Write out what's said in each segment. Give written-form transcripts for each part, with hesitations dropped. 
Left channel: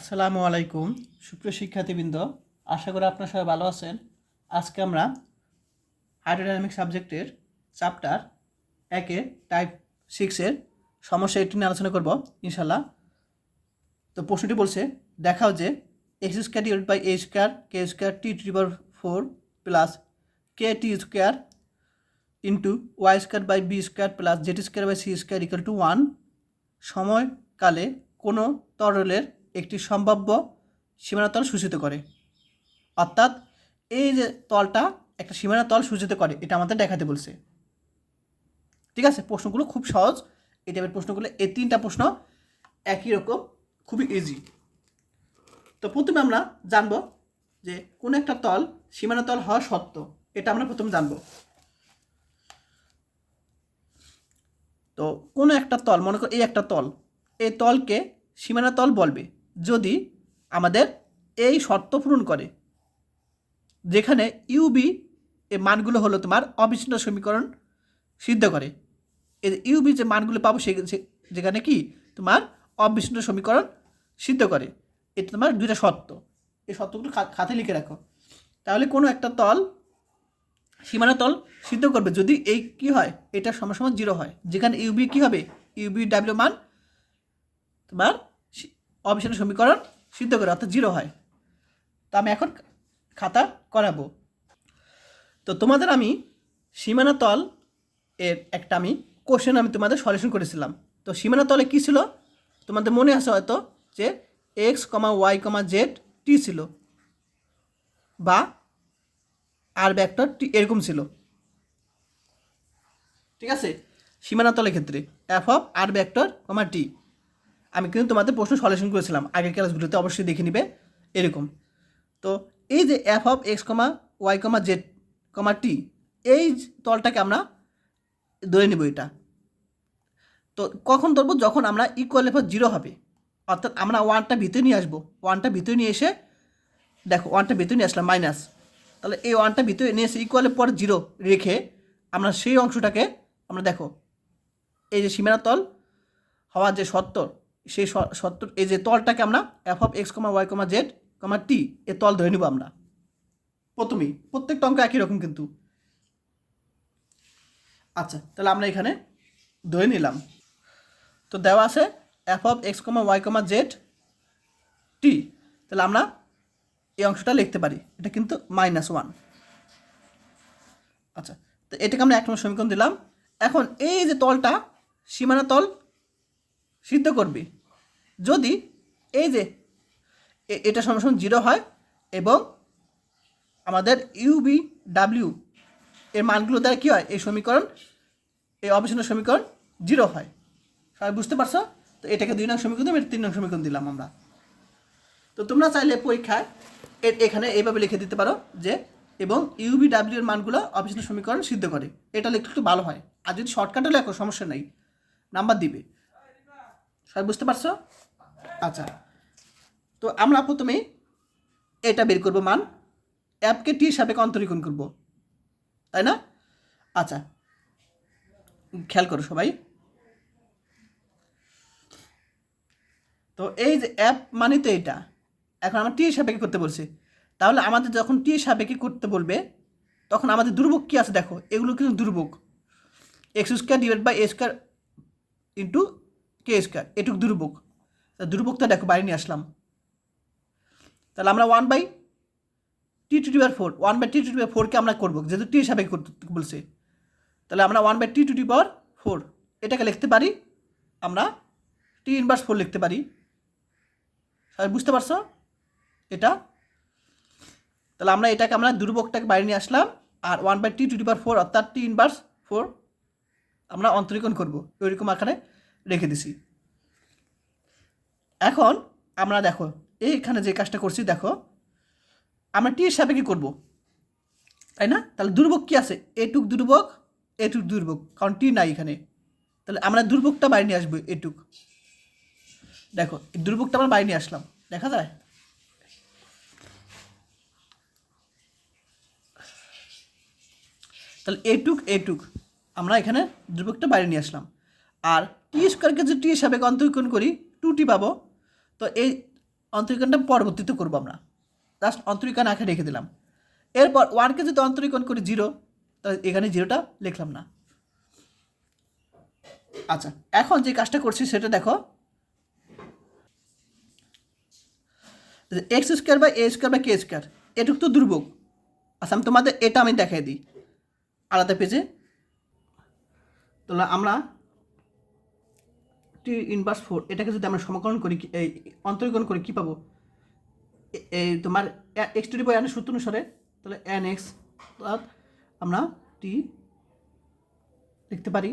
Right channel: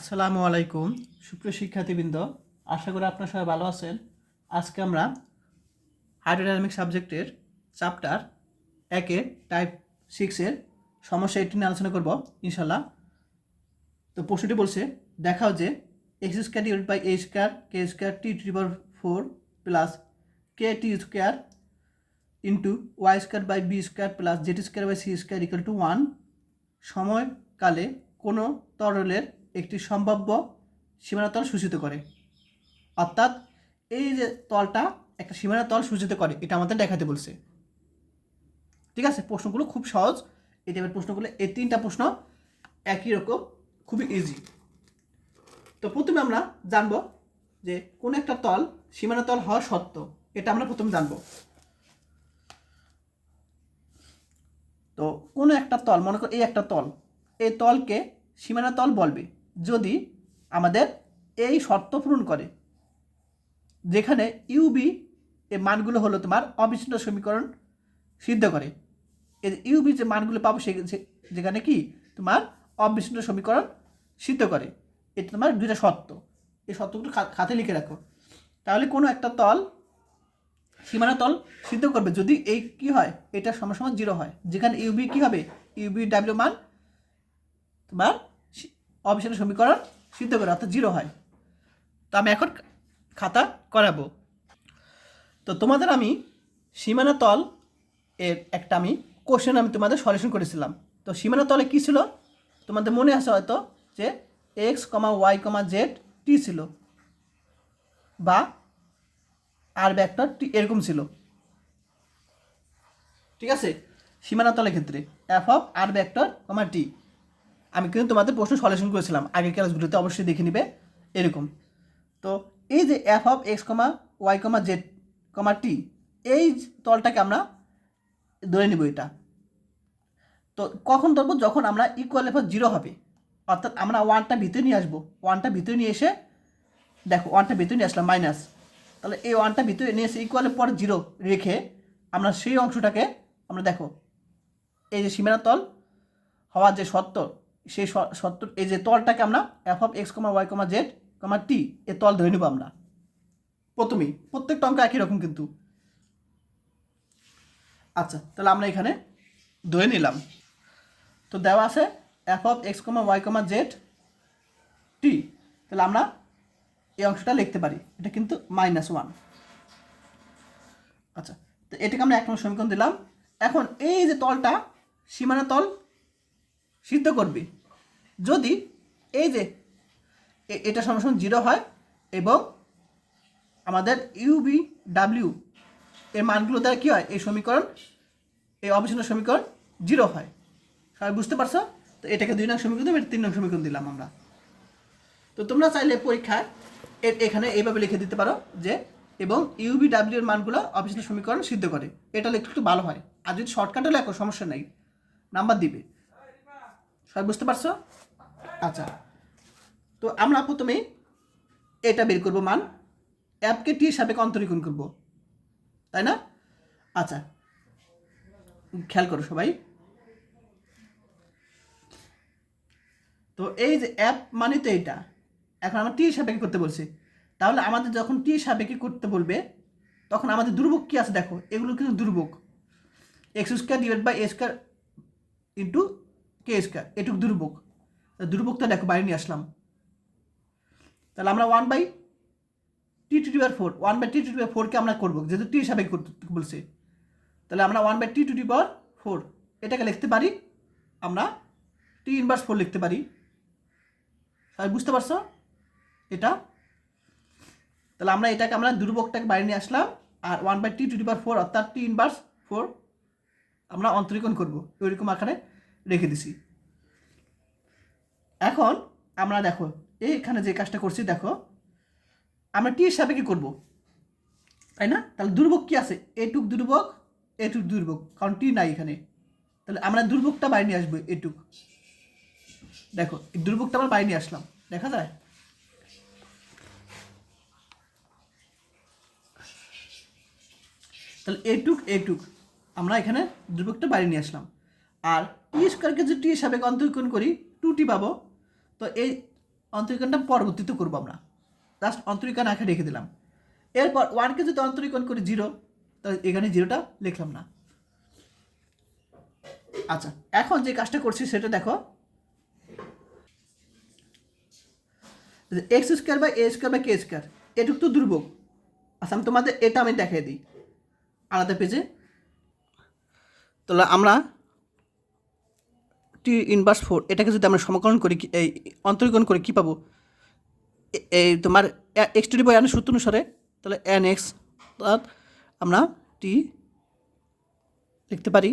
আসসালামু আলাইকুম সুপ্রিয় শিক্ষার্থীবৃন্দ, আশা করি আপনারা সবাই ভালো আছেন। আজকে আমরা হাইড্রোডাইনামিক সাবজেক্টের চ্যাপ্টার 1-এর টাইপ 6-এর সমস্যা 18 নিয়ে আলোচনা করব ইনশাল্লাহ। তো প্রশ্নটি বলছে, দেখাও যে x square divide by a square K square T to the power 4 plus k t square into y square by B square plus z square by c square equal to 1 সময়কালে কোনো তরলের একটি সম্ভাব্য সীমানা তল সূচিত করে। অর্থাৎ এই যে তলটা একটা সীমানা তল সূচিত করে, এটা আমাদের দেখাতে বলছে। ঠিক আছে, প্রশ্নগুলো খুব সহজ। এই টাইপের প্রশ্নগুলো, এই 3টা প্রশ্ন একই রকম, খুবই ইজি। তো প্রথমে আমরা জানবো যে কোন একটা তল সীমানা তল হওয়া সত্য, এটা আমরা প্রথমে জানবো। তো কোনো একটা তল, মনে করো এই একটা তল, এই তলকে সীমানা তল বলবে যদি আমাদের এই শর্ত পূরণ করে, যেখানে ইউবি এর মানগুলো হলো তোমার অবিচ্ছিন্ন সমীকরণ সিদ্ধ করে। এই ইউবি যে মানগুলো পাবো যেখানে কি তোমার অবিচ্ছিন্ন সমীকরণ সিদ্ধ করে, এটা তোমার দুইটা শর্ত। এই শর্তগুলো খাতে লিখে রাখো। তাহলে কোনো একটা তল সীমানা তল সিদ্ধ করবে যদি এই কি হয়, এটা সমান 0 হয়, যেখানে ইউবি কি হবে, ইউবি ডাব্লিউ মান তোমার অবিচ্ছিন্ন সমীকরণ সিদ্ধ করে, অর্থাৎ 0 হয়। তো আমি এখন খাতা করাবো। তো তোমাদের আমি সীমানা তল এর একটা কোশ্চেন তোমাদের সলিউশন করেছিলাম। তো সীমানা তলে কী ছিল তোমাদের মনে আছে হয়তো, যে x comma Y comma z টি ছিল, বা আর ভেক্টর টি এরকম ছিল। ঠিক আছে, সীমানা তলের ক্ষেত্রে এফ অফ আর ভেক্টর কমা টি আমি কিন্তু তোমাদের প্রশ্ন সলিউশন করেছিলাম আগের ক্লাসগুলোতে, অবশ্যই দেখে নিবে এরকম। তো এই যে F of x comma Y comma Z comma T, এই তলটাকে আমরা ধরে নেব। এটা তো কখন ধরবো, যখন আমরা ইকুয়াল এফ 0 হবে, অর্থাৎ আমরা ওয়ানটা ভিতরে নিয়ে আসবো। ওয়ানটা ভিতরে নিয়ে এসে দেখো, ওয়ানটা ভিতরে নিয়ে আসলাম মাইনাস, তাহলে এই ওয়ানটা ভিতরে নিয়ে এসে ইকুয়ালের পর 0 রেখে আমরা সেই অংশটাকে আমরা দেখো, এই যে সীমানা তল হওয়ার যে শর্ত, সেই শর্ত, এই যে তলটাকে আমরা F of x comma Y comma Z comma T এ তল ধরে নেব আমরা প্রথমেই। প্রত্যেকটা অঙ্ক একই রকম কিন্তু। আচ্ছা, তাহলে আমরা এখানে ধরে নিলাম। তো দেওয়া আছে f of x comma Y comma z t, তাহলে আমরা এই অংশটা লিখতে পারি, এটা কিন্তু -1। আচ্ছা, তো এটাকে আমরা 1 নম্বর সমীকরণ দিলাম। এখন এই যে তলটা সীমানা তল সিদ্ধ করবে যদি এই যে এটা সমান 0 হয় এবং আমাদের ইউবি ডাব্লিউ এর মানগুলো দ্বারা কী হয়, এই সমীকরণ, এই অবিচ্ছিন্ন সমীকরণ 0 হয়। সবাই বুঝতে পারছো? তো এটাকে 2 নং সমীকরণ দিলাম, এটা 3 নং সমীকরণ দিলাম আমরা। তো তোমরা চাইলে পরীক্ষায় এখানে এইভাবে লিখে দিতে পারো যে এবং ইউবি ডাব্লিউ এর মানগুলো অবিচ্ছিন্ন সমীকরণ সিদ্ধ করে, এটা লিখলে একটু ভালো হয়। আর যদি শর্টকাটে লেখো সমস্যা নেই, নাম্বার দিবে। সবাই বুঝতে পারছো? আচ্ছা, তো আমরা প্রথমেই এটা বের করবো মান, অ্যাপকে টি সাপেক্ষে অন্তরীকরণ করব, তাই না? আচ্ছা, খেয়াল করো সবাই। তো এই যে অ্যাপ মানে তো এটা, এখন আমরা টি সাপেক্ষে করতে বলছি। তাহলে আমাদের যখন টি সাপেক্ষে করতে বলবে, তখন আমাদের দুর্ভোগ কী আছে দেখো, এগুলো কিন্তু দুর্ভোগ। X square divide by a square into k square, এটুকু দুর্ভোগ। দুর্ভোগটা দেখো বাইরে নিয়ে আসলাম। তাহলে আমরা 1/t⁴, 1/t⁴কে আমরা করবো, যেহেতু টি সাপেক্ষে করতে বলছে। তাহলে আমরা 1/t⁴ এটাকে লিখতে পারি আমরা t⁻4 লিখতে পারি। সবাই বুঝতে পারছো এটা? তাহলে আমরা এটাকে আমরা দুর্ভোগটাকে বাইরে নিয়ে আসলাম, আর 1/t⁴ অর্থাৎ t⁻4 আমরা অন্তরীকরণ করব, ওইরকম আকারে রেখে দিছি। এখন আমরা দেখো এইখানে যে কাজটা করছি, দেখো আমরা টি সাপেক্ষে করব, তাই না? তাহলে দুর্ভোগ কি আছে, এটুক দুর্ভোগ, কারণ টি নাই এখানে। তাহলে আমরা দুর্ভোগটা বাইরে নিয়ে আসবো, এটুক। দেখো এই দুর্ভোগটা আমরা বাইরে নিয়ে আসলাম, দেখা যায়? তাহলে এটুক আমরা এখানে দুর্ভোগটা বাইরে নিয়ে আসলাম। আর টি স্কোয়ারকে যদি টি সাপেক্ষে অন্তরীকরণ করি 2t পাবো। তো এই অন্তরীকরণটা পরবর্তীতে করবো আমরা, জাস্ট অন্তরীকরণ আঁকে রেখে দিলাম। এরপর 1কে যদি অন্তরীকরণ করি 0, তাহলে এখানে 0টা লিখলাম না। আচ্ছা, এখন যে কাজটা করছি সেটা দেখো, x square by a square by k square এটুকু তো দুর্ভোগ। আচ্ছা, আমি তোমাদের এটা আমি দেখাই দিই আলাদা পেজে। তাহলে আমরা টি ইনভার্স 4 এটাকে যদি আমরা সমাকলন করি, এই অন্তরীকরণ করি, কী পাবো? এই তোমার x two the power n সূত্র অনুসারে, তাহলে এন এক্স, অর্থাৎ আমরা টি লিখতে পারি,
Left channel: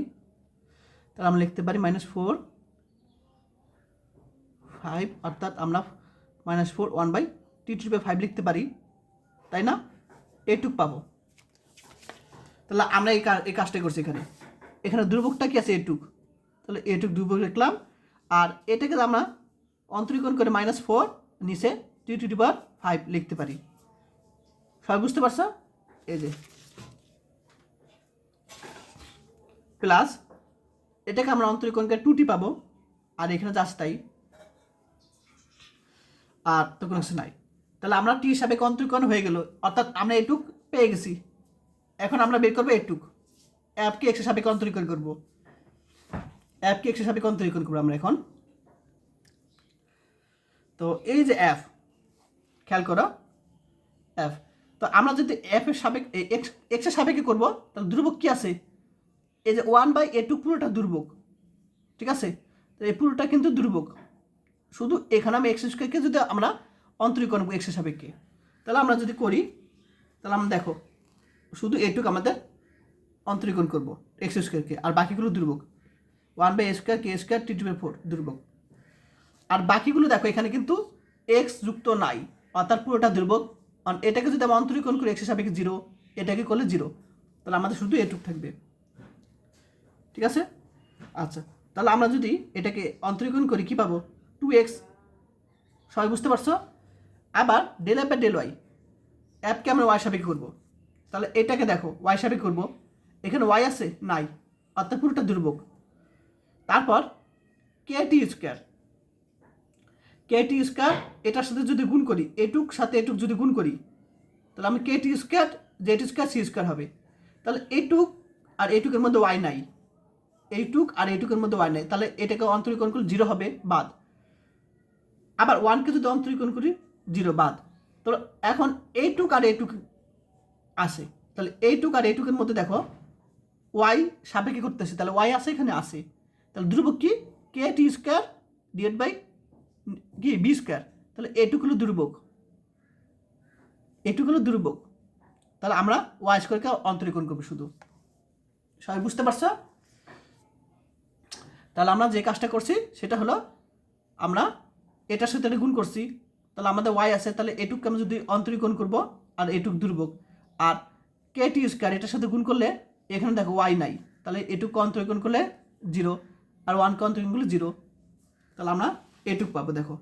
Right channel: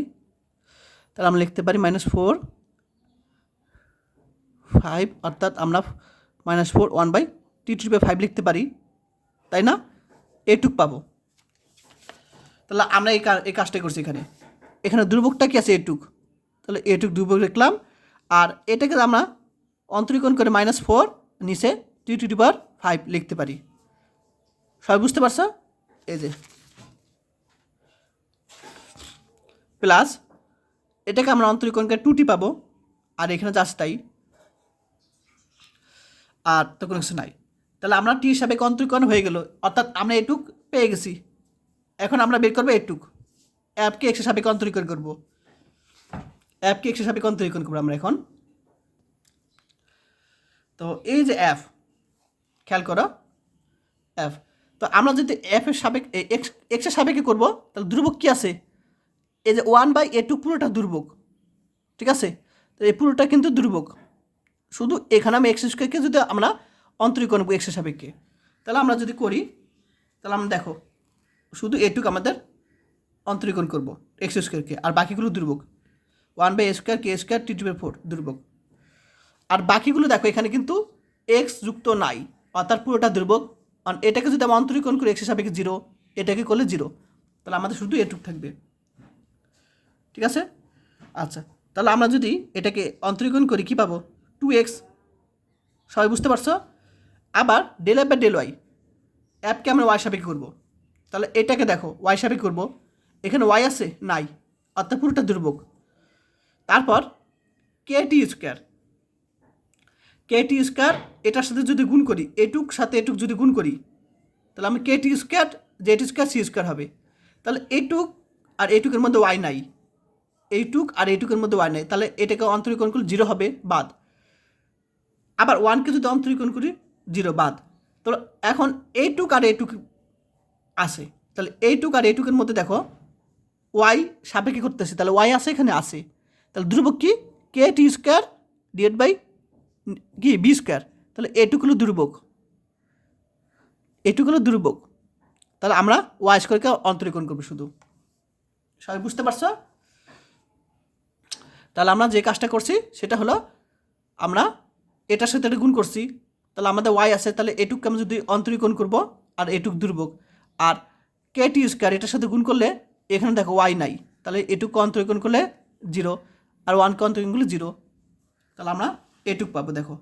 তাহলে আমরা লিখতে পারি -4 5, অর্থাৎ আমরা -4 1/t^5 লিখতে পারি, তাই না? এটুক পাবো। তাহলে আমরা এই কাজটাই করছি। এখানে দুর্ভোগটা কি আছে? এটুক। তাহলে এটুক দুর্ভোগ লিখলাম, আর এটাকে আমরা অন্তরীকরণ করে -4 নিচে t^5 লিখতে পারি। সবাই বুঝতে পারছো? এই যে প্লাস এটাকে আমরা অন্তরীকরণ করে 2t পাবো, আর এখানে জাস্ট তাই, আর তো কোনো কিছু নাই। তাহলে আমরা টি হিসাবে অন্তরীকরণ হয়ে গেল, অর্থাৎ আমরা এটুক পেয়ে গেছি। এখন আমরা বের করবো এটুক, অ্যাপকে এক্সের সাপেক্ষে অন্তরীকরণ করবো, আমরা এখন। তো এই যে এফ, খেয়াল করো এফ, তো আমরা যদি এফের সাপেক্ষে এক্সের সাপেক্ষে করবো, তাহলে দুর্ভোগ কী আছে? এই যে 1/a2 পুরোটা দুর্ভোগ, ঠিক আছে? তো এই পুরোটা কিন্তু দুর্ভোগ। শুধু এখানে আমি এক্স স্কোয়ারকে যদি আমরা অন্তরীকরণ করবো এক্সের সাপেক্ষে, তাহলে আমরা যদি করি, তাহলে আমরা দেখো শুধু এটুক আমাদের অন্তরীকরণ করবো এক্স স্কোয়ারকে, আর বাকিগুলো দুর্ভোগ। 1/a² k² t^4 দুর্ভোগ। আর বাকিগুলো দেখো এখানে কিন্তু এক্স যুক্ত নাই, অর্থাৎ পুরোটা দুর্ভোগ। কারণ এটাকে যদি আমরা অন্তরীকরণ করি এক্সের সাপেক্ষে 0, এটাকে করলে 0, তাহলে আমাদের শুধু এটুক থাকবে, ঠিক আছে? আচ্ছা, তাহলে আমরা যদি এটাকে অন্তরীকরণ করি কী পাবো? 2x। সবাই বুঝতে পারছো? আবার del F by del Y, অ্যাপকে আমরা ওয়াই সাপেক্ষে করবো, তাহলে এটাকে দেখো ওয়াই সাপেক্ষে করবো, এখানে ওয়াই আছে নাই, অর্থাৎ পুরোটা দুর্ভোগ। তারপর kt², এটার সাথে যদি গুণ করি, এটুক সাথে এটুক যদি গুণ করি, তাহলে আমি kt² z² হবে। তাহলে এটুক আর এটুকের মধ্যে ওয়াই নাই, এইটুক আর এইটুকের মধ্যে ওয়াই নাই, তাহলে এটাকে অন্তরীকরণ করলে 0 হবে, বাদ। আবার 1কে যদি অন্তরীকরণ করি 0 বাদ। তো এখন এইটুক আর এইটুক আসে, তাহলে এইটুক আর এইটুকের মধ্যে দেখো ওয়াই সাপেক্ষে করতেছে, তাহলে ওয়াই আসে, এখানে আসে, তাহলে দুর্ভোগ কি? kt² ডিভাইড বাই কি b², তাহলে এটুক হলো দুর্ভোগ, তাহলে আমরা ওয়াই স্কোয়ারকে অন্তরীকরণ করবো শুধু। সবাই বুঝতে পারছো? তাহলে আমরা যে কাজটা করছি সেটা হলো, আমরা এটার সাথে এটা গুণ করছি, তাহলে আমাদের ওয়াই আছে, তাহলে এটুককে আমরা যদি অন্তরীকরণ করবো, আর এটুক দুর্ভোগ। আর kt² এটার সাথে গুণ করলে এখানে দেখো ওয়াই নাই, তাহলে এটুককে অন্তরীকরণ করলে 0, আর 1কে অন্তরীকরণ করলে 0, তাহলে আমরা এটুক পাবো। দেখো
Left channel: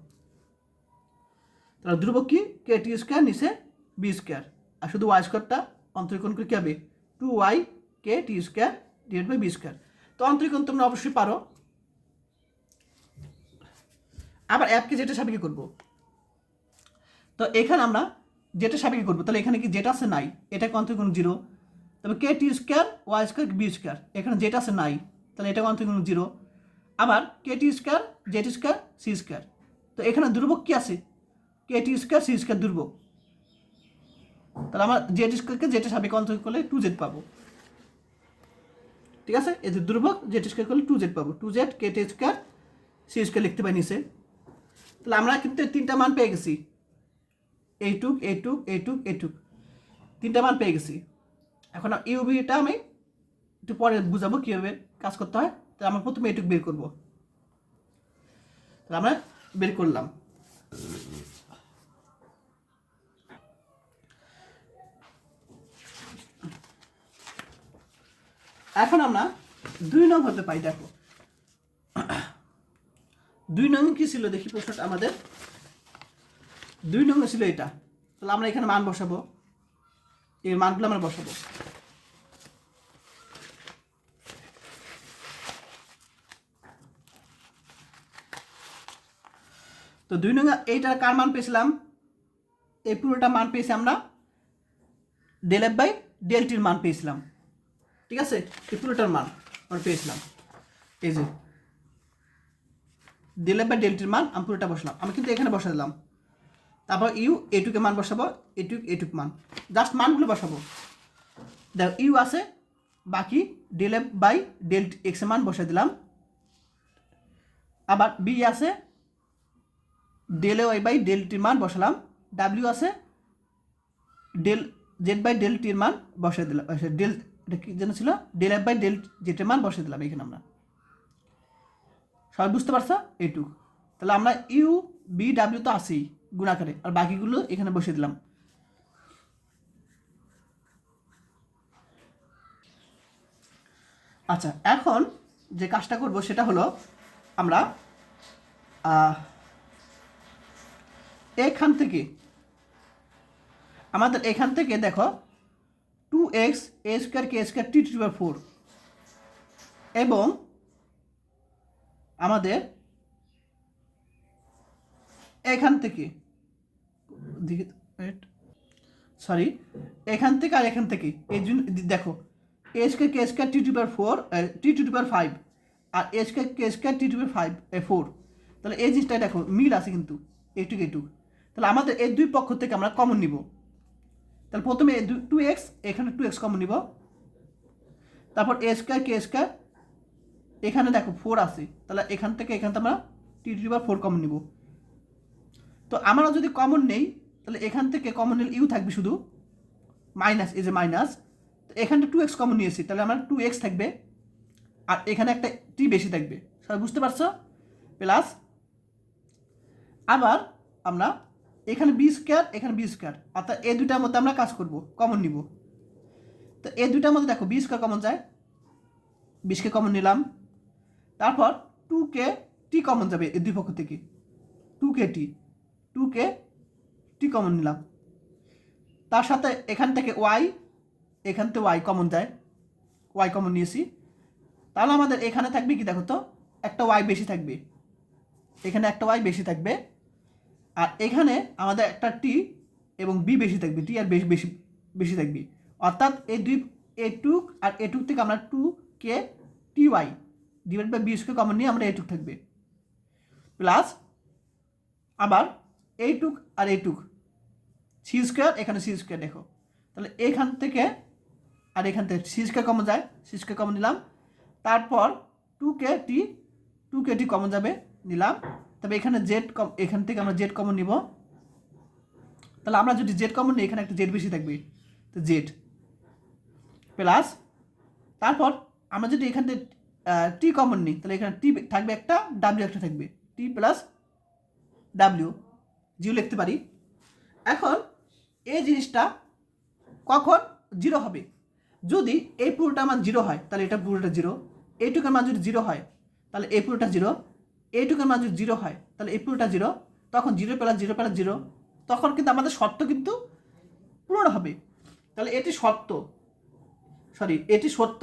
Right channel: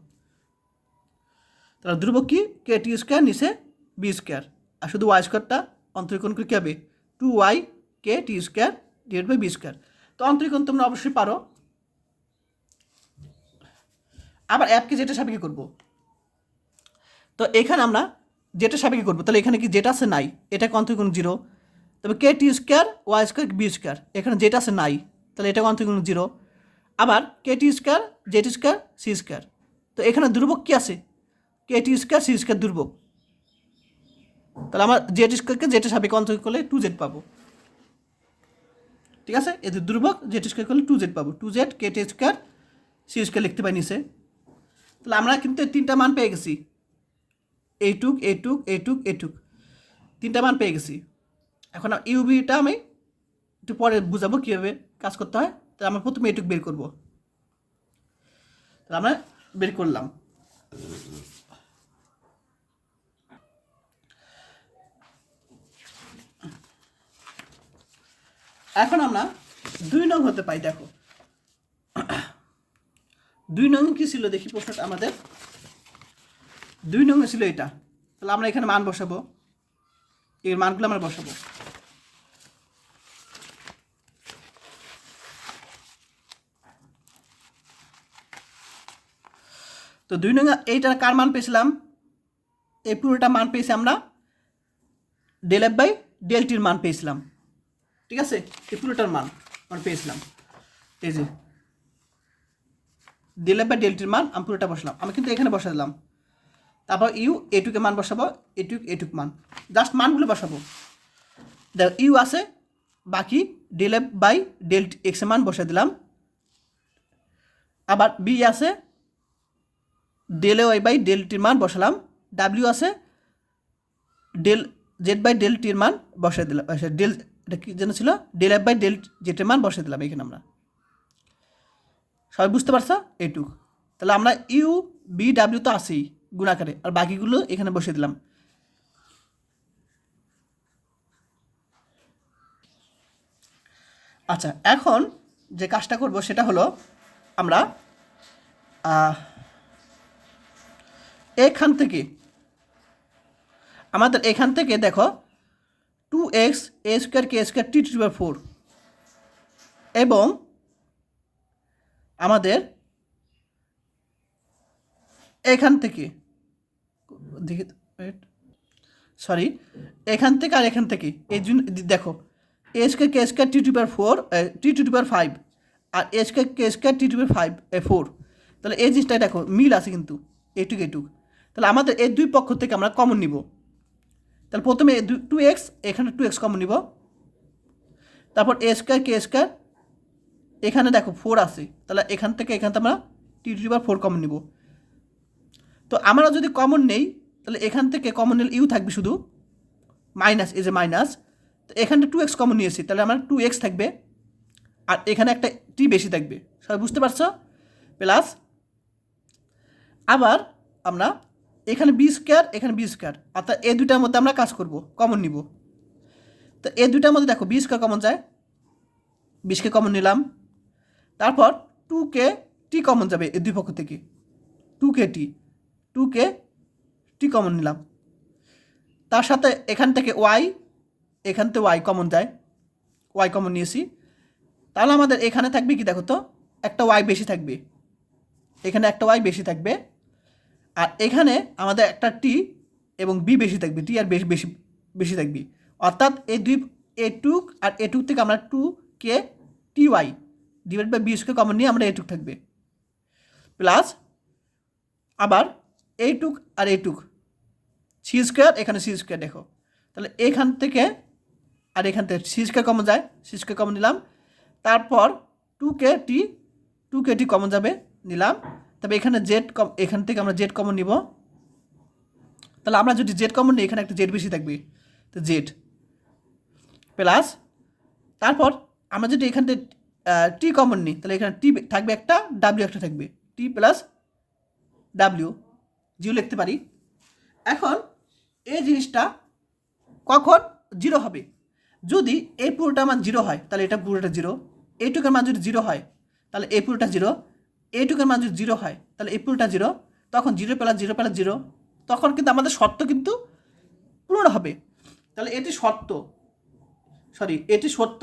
তাহলে দুর্ভোগ কি? kt² নিচে b², আর শুধু ওয়াই স্কোয়ারটা অন্তরীকরণ করে কী হবে? 2y kt² divide by b²। তো অন্তরীকরণ তোমরা অবশ্যই পারো। আবার অ্যাপকে যেটা সাপেক্ষে করবো, তো এখানে আমরা যেটা সাপেক্ষে করবো, তাহলে এখানে কি যেটা আছে নাই, এটাকে অন্তরীকরণ 0, তবে kt² y² b², এখানে যেটা আছে নাই, তাহলে এটাকে অন্তরীকরণ 0। আবার kt² z² c², তো এখানে দুর্ভোগ কি আছে? kt² c² দুর্ভোগ, তাহলে আমরা z² যেটা সাপেক্ষে অন্তরীকরণ করলে 2z পাবো, ঠিক আছে? এদের দুর্ভোগ z² করলে 2z পাবো, 2z kt² c² লিখতে পাই নিচে। তাহলে আমরা কিন্তু 3টা মান পেয়ে গেছি, এইটুক এইটুক এইটুক এইটুক, 3টা মান পেয়ে গেছি। এখন ইউবিটা আমি একটু পরে বুঝাবো কীভাবে কাজ করতে হয়। তাহলে আমরা প্রথমে এইটুক বের করবো, তাহলে আমরা বের করলাম। এখন আমরা 2 নং হতে পাই। দেখো 2 নং কি ছিল দেখি প্রশ্নটা আমাদের। 2 নং ছিল এটা, তাহলে আমরা এখানে মান বসাবো, এই মানগুলো আমরা বসাবো। তো 2 নং এইটার কার মান পেয়েছিলাম, এই পুরোটা মান পেয়েছি আমরা ডেল এফ বাই ডেল টির মান পেয়েছিলাম, ঠিক আছে, এই পুরোটার মান আমরা পেয়েছিলাম, এই যে ডেল এফ বাই ডেল টির মান আমি পুরোটা বসালাম, আমি কিন্তু এখানে বসা দিলাম, তারপর ইউ এটুকে মান বসাবো, এটুক মান, জাস্ট মানগুলো বসাবো, দেখো ইউ আছে, বাকি del F by del x এর মান বসে দিলাম, আবার বি আছে ডেল ওয়াই বাই ডেল টির মান বসালাম, ডাব্লিউ আছে ডেল জেড বাই ডেল টির মান বসে দিলাম, ডেল এটা কি যেন ছিল, ডেল এফ বাই ডেল জেটের মান বসে দিলাম এখানে আমরা, সবাই বুঝতে পারছো এইটুক। তাহলে আমরা ইউ বি ডাব্লিউ তো আসি গুণাকারে, আর বাকিগুলো এখানে বসে দিলাম। আচ্ছা, এখন যে কাজটা করব সেটা হলো আমরা এখান থেকে আমাদের এখান থেকে দেখো 2x a square K square T to the power 4 এবং আমাদের এখান থেকে দেখি, সরি, এখান থেকে আর এখান থেকে এই জন্য দেখো A square K square T to the power 4 T to the power 5 আর A square K square T to the power 4, তাহলে এই জিনিসটা দেখো মিল আছে কিন্তু এটুক, তাহলে আমাদের এই দুই পক্ষ থেকে আমরা কমন নিব, তাহলে প্রথমে 2x এখানে 2x কমন নিব, তারপর এ স্কোয়ার কে স্কোয়ার এখানে দেখো 4 আছে, তাহলে এখান থেকে আমরা T to the power 4 common নিব। তো আমরা যদি কমন নেই তাহলে এখান থেকে কমন নিলে ইউ থাকবে শুধু, মাইনাস এই যে মাইনাস, তো এখানে 2x কমন নিয়েছি, তাহলে আমার 2x থাকবে, আর এখানে একটা টি বেশি থাকবে, সবাই বুঝতে পারছো, প্লাস আবার আমরা এখানে বি স্কোয়ার এখানে বি স্কোয়ার, অর্থাৎ এই দুটার মধ্যে আমরা কাজ করব, কমন নিব। তো এই দুটার মধ্যে দেখো বি স্কোয়ার কমন যায়, 20কে কমন নিলাম, তারপর 2কে টি কমন যাবে এই দুই পক্ষ থেকে, 2কে টি কমন নিলাম, তার সাথে এখান থেকে ওয়াই, এখান থেকে ওয়াই কমন যায়, ওয়াই কমন নিয়েছি, তাহলে আমাদের এখানে থাকবে কি দেখো তো, একটা ওয়াই বেশি থাকবে, এখানে একটা ওয়াই বেশি থাকবে, আর এখানে আমাদের একটা টি এবং বি বেশি থাকবে, টি আর বেশি বেশি বেশি থাকবে, অর্থাৎ এই দুই এটুক আর এটুক থেকে আমরা 2কে T Y divide by B square common নিয়ে আমরা এটুক থাকবে, প্লাস আবার এইটুক আর এইটুক সি স্কোয়ার, এখানে সি স্কোয়ার দেখো, তাহলে এখান থেকে আর এখান থেকে সি স্কোয়ার কমন যায়, সি স্কোয়ার কমন নিলাম, তারপর 2কে টি কমন যাবে নিলাম, তবে এখানে জেড এখান থেকে আমরা জেড কমন নিব, তাহলে আমরা যদি জেড কমন নিই এখানে একটা জেড বেশি থাকবে, তো জেড প্লাস তারপর আমরা যদি এখান থেকে টি কমন নিই তাহলে এখানে টি থাকবে একটা, ডাব্লিউ একটা থাকবে, টি প্লাস ডাব্লিউ জিরো লিখতে পারি। এখন এই জিনিসটা কখন জিরো হবে, যদি এই পুরোটা মান জিরো হয় তাহলে এটা পুরোটা জিরো, এইটুকের মান যদি জিরো হয় তাহলে এই পুরোটা জিরো, এইটুকের মান যদি জিরো হয় তাহলে এই পুরোটা জিরো, তখন জিরো প্লাস জিরো, তখন কিন্তু আমাদের শর্ত কিন্তু পূরণ হবে। তাহলে এটি সত্য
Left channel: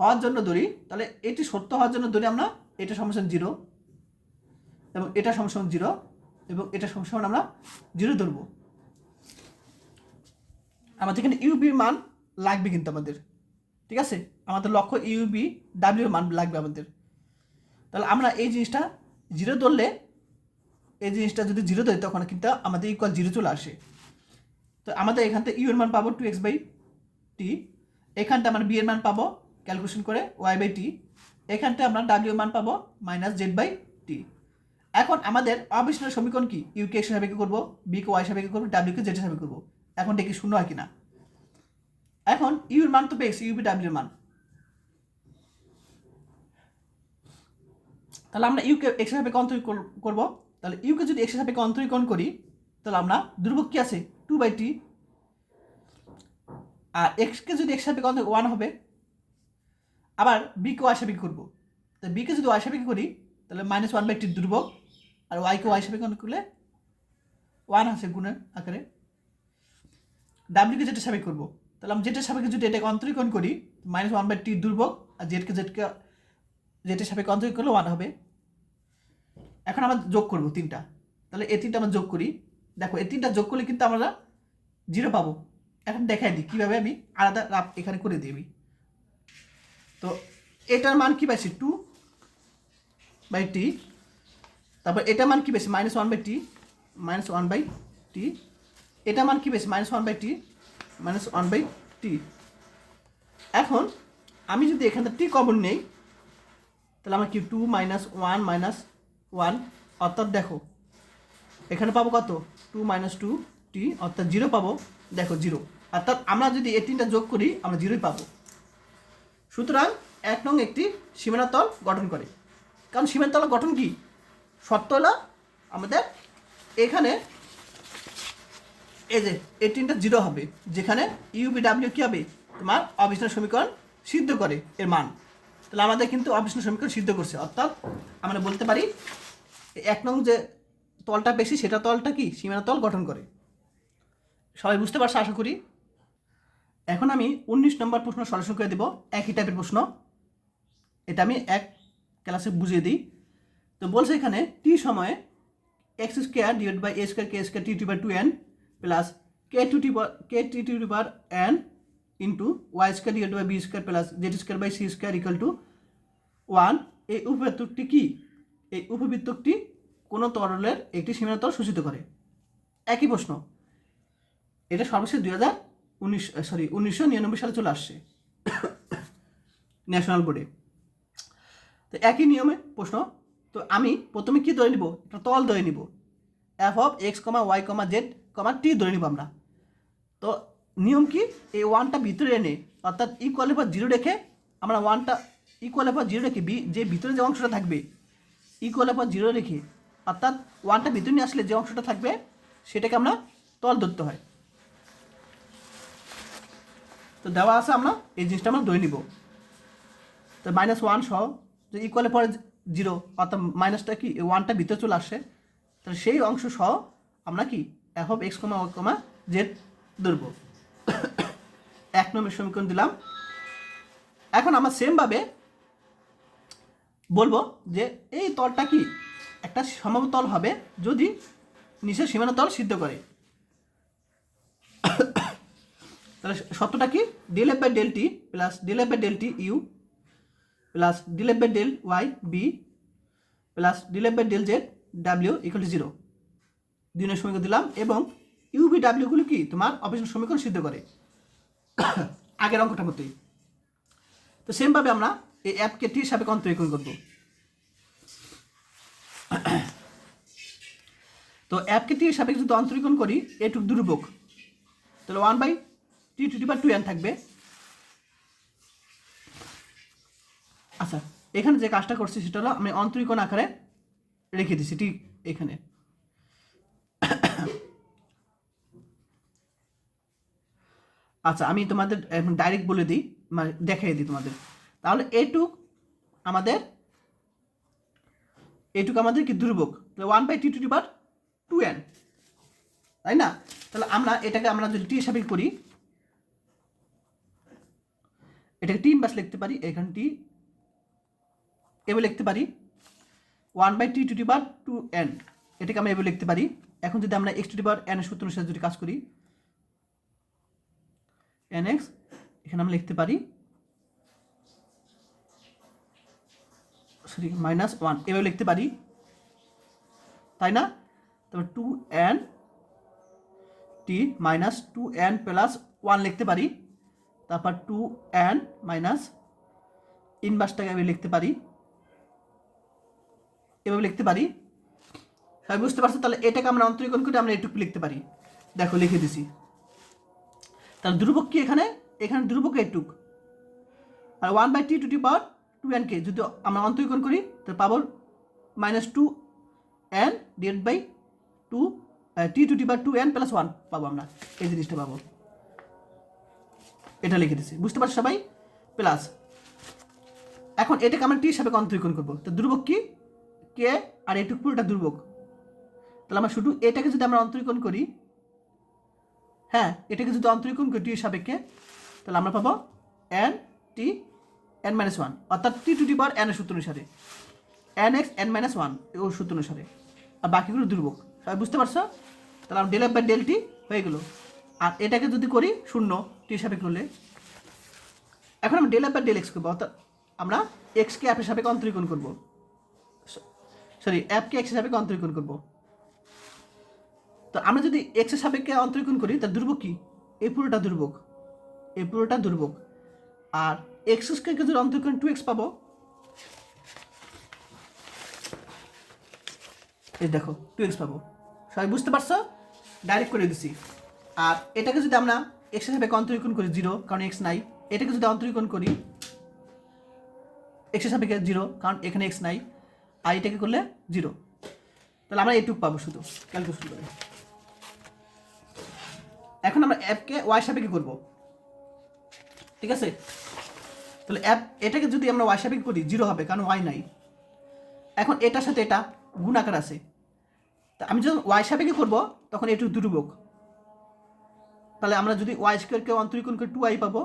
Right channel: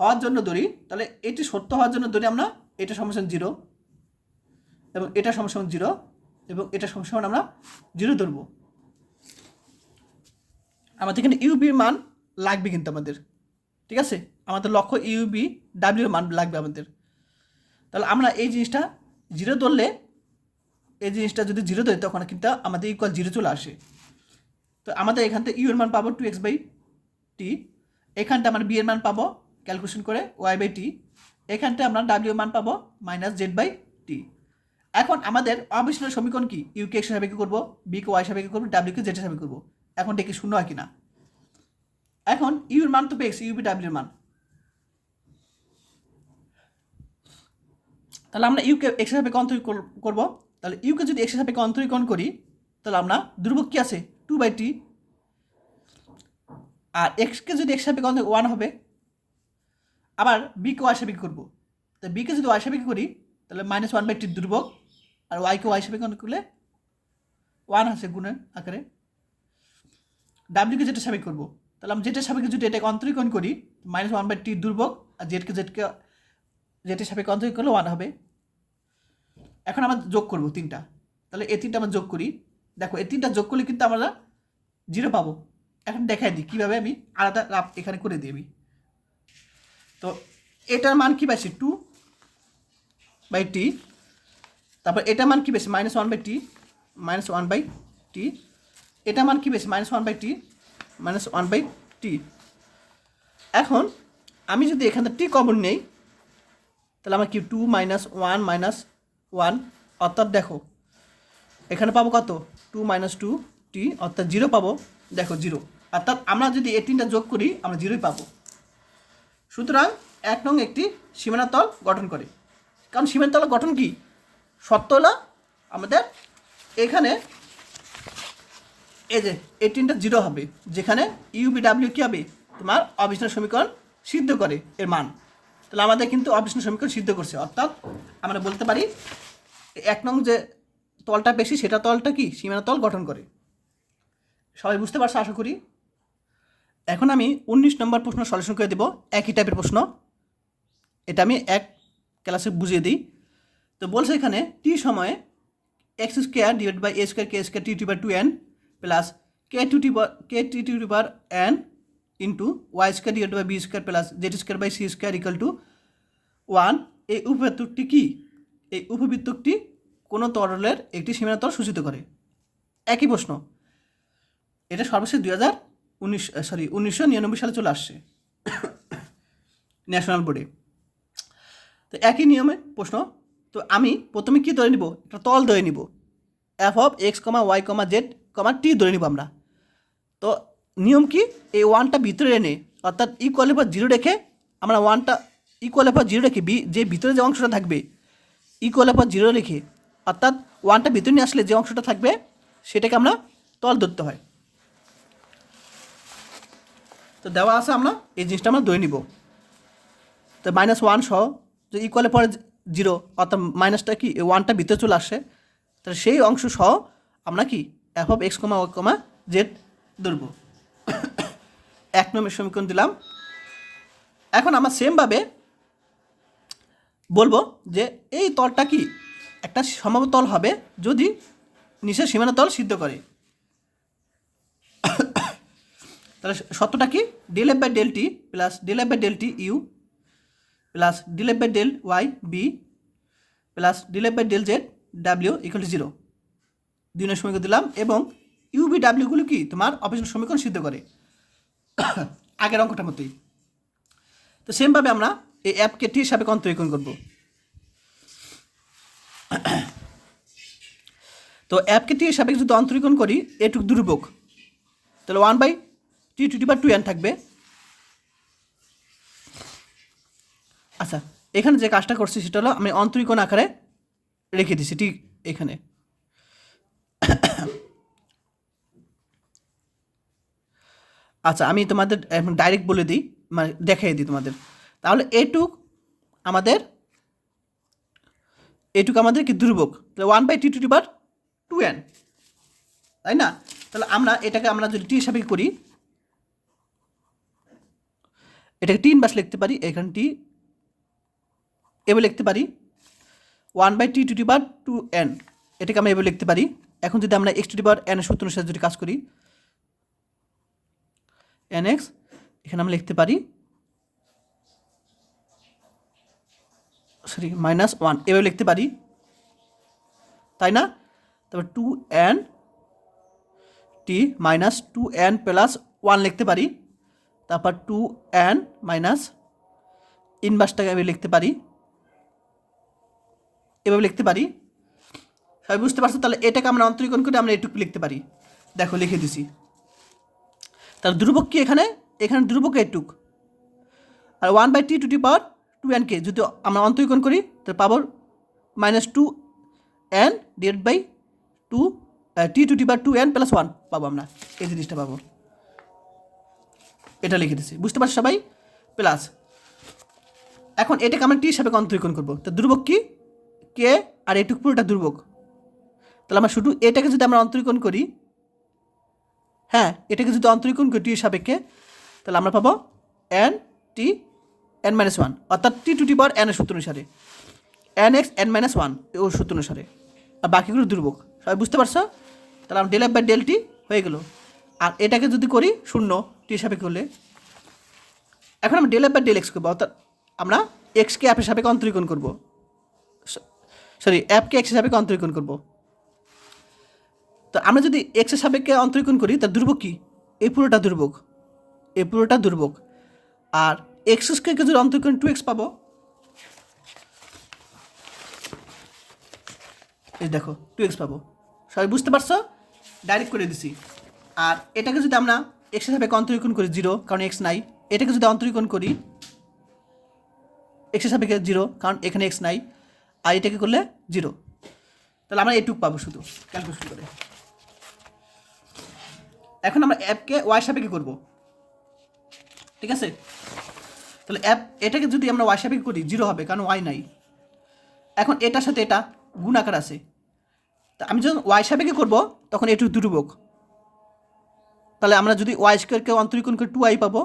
হওয়ার জন্য ধরি, তাহলে এটি সত্য হওয়ার জন্য ধরি আমরা এটা সমান জিরো এবং এটা সমান জিরো এবং এটা সমান আমরা জিরো ধরবো, আমাদের এখানে ইউবির মান লাগবে কিন্তু আমাদের, ঠিক আছে, আমাদের লক্ষ্য ইউবি ডাব্লিউর মান লাগবে আমাদের, তাহলে আমরা এই জিনিসটা জিরো ধরলে, এই জিনিসটা যদি জিরো ধরি তখন কিন্তু আমাদের ইকুয়াল জিরো চলে আসে। তো আমাদের এখান থেকে ইউ এর মান পাবো 2x বাই টি, এখানটা আমরা বি এর মান পাবো ক্যালকুলেশন করে ওয়াই বাই টি, এখানটা আমরা ডাব্লিউ এর মান পাবো মাইনাস জেড বাই টি। এখন আমাদের অবিস্মরণীয় সমীকরণ কি, ইউকে এক্স সাপেক্ষে করবো, বিকে ওয়াই সাপেক্ষে করবো, ডাব্লিউকে জেড সাপেক্ষে করবো, এখন দেখি শূন্য হয় কিনা। এখন ইউ এর মান তো পেয়েছি, ইউবি ডাব্লিউ এর মান, তাহলে আমরা ইউকে এক্স সাপেক্ষে অন্তরীকরণ করবো, তাহলে ইউকে যদি এক্স সাপেক্ষে অন্তরীকরণ করি তাহলে আমরা ধ্রুবক কি আছে 2/t, আর এক্সকে যদি এক্স সাপেক্ষে অন্তরীকরণ 1 হবে, আবার বিকে ওয়াই সাপেক্ষে করবো, তো বিকে যদি ওয়াই সাপেক্ষে করি তাহলে -1/t ধ্রুবক, আর ওয়াইকে ওয়াই সাপেক্ষে করলে 1 আছে গুণের আকারে, ডাব্লিউকে যেটা সাপেক্ষে করবো, তাহলে আমি যেটা সাপেক্ষে যদি এটাকে অন্তরীকরণ করি -1/t ধ্রুবক, আর জেডকে যেটা সাপেক্ষে অন্তরীকরণ করলে 1 হবে। এখন আমরা যোগ করব তিনটা, তাহলে এই তিনটা আমরা যোগ করি। দেখো এই তিনটা যোগ করলে কিন্তু আমরা 0 পাবো। এখন দেখাই দিই কীভাবে আমি আলাদা এখানে করে দিই। তো এটার মান কী পাইছি 2/t, তারপর এটার মান কী পেয়েছি -1/t, -1/t, এটা মান কী পেয়েছি -1/t, -1/t। এখন আমি যদি এখান থেকে টি কমন নেই, তাহলে আমার কি 2 - 1 - 1, অর্থাৎ দেখো এখানে পাবো কত 2 - 2t, অর্থাৎ 0 পাবো। দেখো 0, অর্থাৎ আমরা যদি এই তিনটা যোগ করি আমরা 0ই পাবো। সুতরাং 1 নং একটি সীমানা তল গঠন করে। কারণ সীমানা তল গঠন কি শর্ত হলো আমাদের এখানে এই যে এই তিনটা 0 হবে, যেখানে ইউবিডাব্লিউ কী হবে তোমার অবিচ্ছিন্ন সমীকরণ সিদ্ধ করে এর মান। তাহলে আমাদের কিন্তু অবিচ্ছিন্ন সমীকরণ সিদ্ধ করছে, অর্থাৎ আমরা বলতে পারি 1 নং যে তলটা বেশি সেটা তলটা কি সীমানা তল গঠন করে। সবাই বুঝতে পারছো আশা করি। এখন আমি 19 নম্বর প্রশ্ন সলিউশন করে দেব, একই টাইপের প্রশ্ন। এটা আমি এক ক্লাসে বুঝিয়ে দিই। তো বলছে এখানে টি সময়ে x² / a² k² t/2n plus k t/n into y² / b² plus z² c² = 1 এই উপবৃত্তটি কি? এই উপবৃত্তটি কোনো তরলের একটি সীমানাতল সূচিত করে। একই প্রশ্ন, এটা সর্বশেষ 1999 সালে চলে আসছে ন্যাশনাল বোর্ডে। তো একই নিয়মে প্রশ্ন। তো আমি প্রথমে কি ধরে নিব, একটা তল ধরে নিব, f(x, y, z, t) ধরে নিব আমরা। তো নিয়ম কি, এই 1টা ভিতরে এনে অর্থাৎ ইকুয়ালের পর 0 রেখে আমরা 1টা ইকুয়ালের পর 0 রেখে যে ভিতরে যে অংশটা থাকবে ইকুয়ালের পর 0 রেখে, অর্থাৎ 1টা ভিতরে নিয়ে আসলে যে অংশটা থাকবে সেটাকে আমরা তল ধরতে হয়। তো দেওয়া আছে, আমরা এই জিনিসটা আমরা ধরে নিব। তো -1 সহ যে ইকুয়ালের পরে 0, অর্থাৎ মাইনাসটা কি 1টা ভিতরে চলে আসে, তাহলে সেই অংশ সহ আমরা কি f(x, y, z) ধরব। 1 নম্বর সমীকরণ দিলাম। এখন আমরা সেমভাবে বলবো যে এই তলটা কি একটা সমতল হবে যদি নিচের সীমানা তল সিদ্ধ করে। তাহলে সত্যটা কি ∂f/∂t plus ∂f/∂t u plus ∂f/∂y b plus ∂f/∂z w = 0। 2 নম্বর সমীকরণ দিলাম এবং ইউবিডাব্লিউ গুলো কি তোমার অবিচ্ছিন্ন সমীকরণ সিদ্ধ করে আগের অঙ্কটার মতোই। তো সেমভাবে আমরা এই অ্যাপকে টি হিসাবে অন্তরীকরণ করব। তো অ্যাপকে টি হিসাবে যদি অন্তরীকরণ করি এটুক ধ্রুবক, তাহলে 1/t^2n থাকবে। আচ্ছা, এখানে যে কাজটা করছি সেটা হলো আমি অন্তরীকরণ আকারে রেখে দিছি ঠিক এখানে। আচ্ছা, আমি তোমাদের এখন ডাইরেক্ট বলে দিই, মানে দেখাই দিই তোমাদের। তাহলে এটুক আমাদের কি ধ্রুবক, তাহলে 1/t^2n, তাই না? তাহলে আমরা এটাকে আমরা যদি টি হিসাবে করি, এটাকে 3 বাস লিখতে পারি। এখানে টি এভাবে লিখতে পারি 1/t^2n, এটাকে আমরা এভাবে লিখতে পারি। এখন যদি আমরা x^n এর সূত্র অনুসারে যদি কাজ করি nx, এখানে আমরা লিখতে পারি -1 এভাবে লিখতে পারি, তাই না? তারপর 2n t -2n প্লাস 1 লিখতে পারি। তারপর 2n মাইনাস ইনভার্সটাকে এভাবে লিখতে পারি, এভাবে লিখতে পারি। সবাই বুঝতে পারছো? তাহলে এটাকে আমরা অন্তরীকরণ করে আমরা এটুকু লিখতে পারি। দেখো লিখে দিছি। তাহলে ধ্রুবক কি এখানে ধ্রুবক এটুক। আর 1/t^2n কে যদি আমরা অন্তরীকরণ করি তাহলে পাবো -2n t^2n প্লাস 1 পাবো আমরা, এই জিনিসটা পাবো। এটা লিখে দিচ্ছি, বুঝতে পারছো সবাই? প্লাস এখন এটাকে আমরা টি হিসাবে অন্তরীকরণ করবো। তো ধ্রুবক কি কে আর এটুক পুরোটা ধ্রুবক। তাহলে আমরা শুধু এটাকে যদি আমরা অন্তরীকরণ করি, হ্যাঁ এটাকে যদি অন্তরীকরণ করি টি সাপেক্ষে, তাহলে আমরা পাবো n t n-1, অর্থাৎ t^n এর সূত্র অনুসারে। N X N minus one ও সূত্র অনুসারে, আর বাকিগুলো দুর্ভোগ। সবাই বুঝতে পারছো? তাহলে আমরা del F by del t হয়ে গেল। আর এটাকে যদি করি শূন্য টি সাপেক্ষে হলে, এখন আমরা del F by del x করবো, অর্থাৎ আমরা এক্সকে অ্যাপের সাপেক্ষে অন্তরীকরণ করবো, সরি অ্যাপকে এক্সের সাপেক্ষে অন্তরীকরণ করবো। তো আমরা যদি এক্সের সাপেক্ষে অন্তরীকরণ করি তার দুর্ভোগ কী? এই পুরোটা দুর্ভোগ, এই পুরোটা দুর্ভোগ। আর এক্স স্কোয়ারকে যদি অন্তরীকরণ 2x পাবো, এই দেখো 2x পাবো। সবাই বুঝতে পারছো? ডাইরেক্ট করে দিছি। আর এটাকে যদি আমরা এক্সের সাপেক্ষে অন্তরীকরণ করি 0, কারণ এক্স নাই। এটাকে যদি অন্তরীকরণ করি এক্সের সাপেক্ষে 0, কারণ এখানে এক্স নাই। আর এটাকে করলে 0, তাহলে আমরা এইটুক পাবো শুধু ক্যালকুলেশন করে। এখন আমরা অ্যাপকে ওয়াই সাপেক্ষে করবো, ঠিক আছে? তাহলে অ্যাপ এটাকে যদি আমরা ওয়াই সাপেক্ষে করি 0 হবে, কারণ ওয়াই নাই। এখন এটার সাথে এটা গুণ আকার আছে, তা আমি যখন ওয়াই সাপেক্ষে করবো তখন এটু দুর্ভোগ। তাহলে আমরা যদি ওয়াই স্কোয়ারকে অন্তরীকরণ করে 2y পাবো,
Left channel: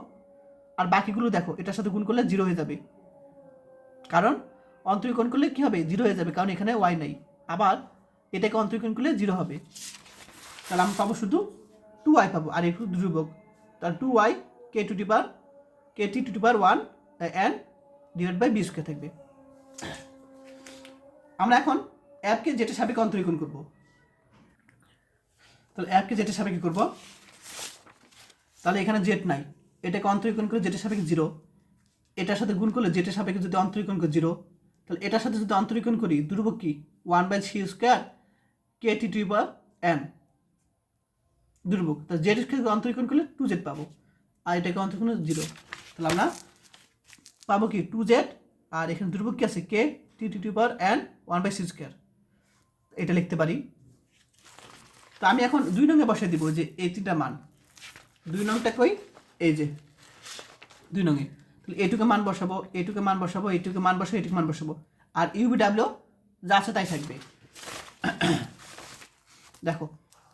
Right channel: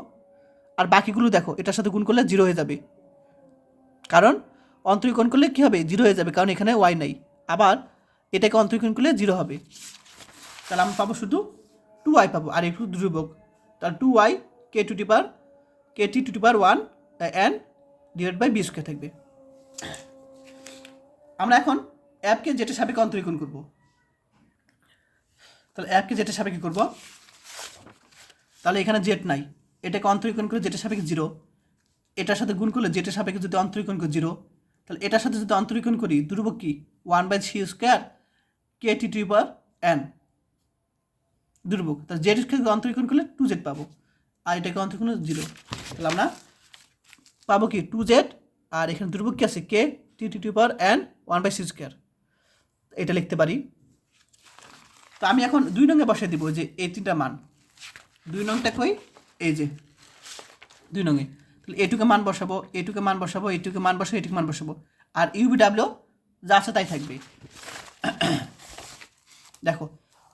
আর বাকিগুলো দেখো এটার সাথে গুণ করলে 0 হয়ে যাবে, কারণ অন্তরীকরণ করলে কী হবে? 0 হয়ে যাবে, কারণ এখানে ওয়াই নাই। আবার এটাকে অন্তরীকরণ করলে 0 হবে, তাহলে আমি পাবো শুধু 2y পাবো, আর একটু দুর্ভোগ। তাহলে 2y k to the power kt to the power 1 n divide by B square থাকবে। আমরা এখন অ্যাপকে যেটা সাপেক্ষে অন্তরীকরণ করবো, তাহলে অ্যাপকে যেটা সাপেক্ষে করবো, তাহলে এখানে জেড নাই, এটাকে অন্তরীকরণ করে যেটা সাপেক্ষে 0, এটার সাথে গুণ করলে যেটা সাপেক্ষে যদি অন্তরীকরণ করে 0, তাহলে এটার সাথে যদি অন্তরীকরণ করি দুর্ভোগ কি? 1/c square kt to the power n দুর্ভোগ। তাহলে জেড স্কোয়ারকে অন্তরীকরণ করলে 2z পাবো, আর এটাকে অন্তরীকরণ 0, তাহলে আমরা পাবো কি 2z, আর এখানে দুর্ভোগ কি আছে? K T to the power n 1/c square, এটা লিখতে পারি। তো আমি এখন 2 নংয়ে বসে দিব যে এই 3টা মান। 2 নংটা কই? এই যে 2 নংয়ে। তাহলে এটুকে মান বসাবো, এটুকে মান বসাবো, এটুকে মান বসাবো, এটুকে মান বসাবো, আর ইউবিডাব্লিউ যা আছে তাই থাকবে। দেখো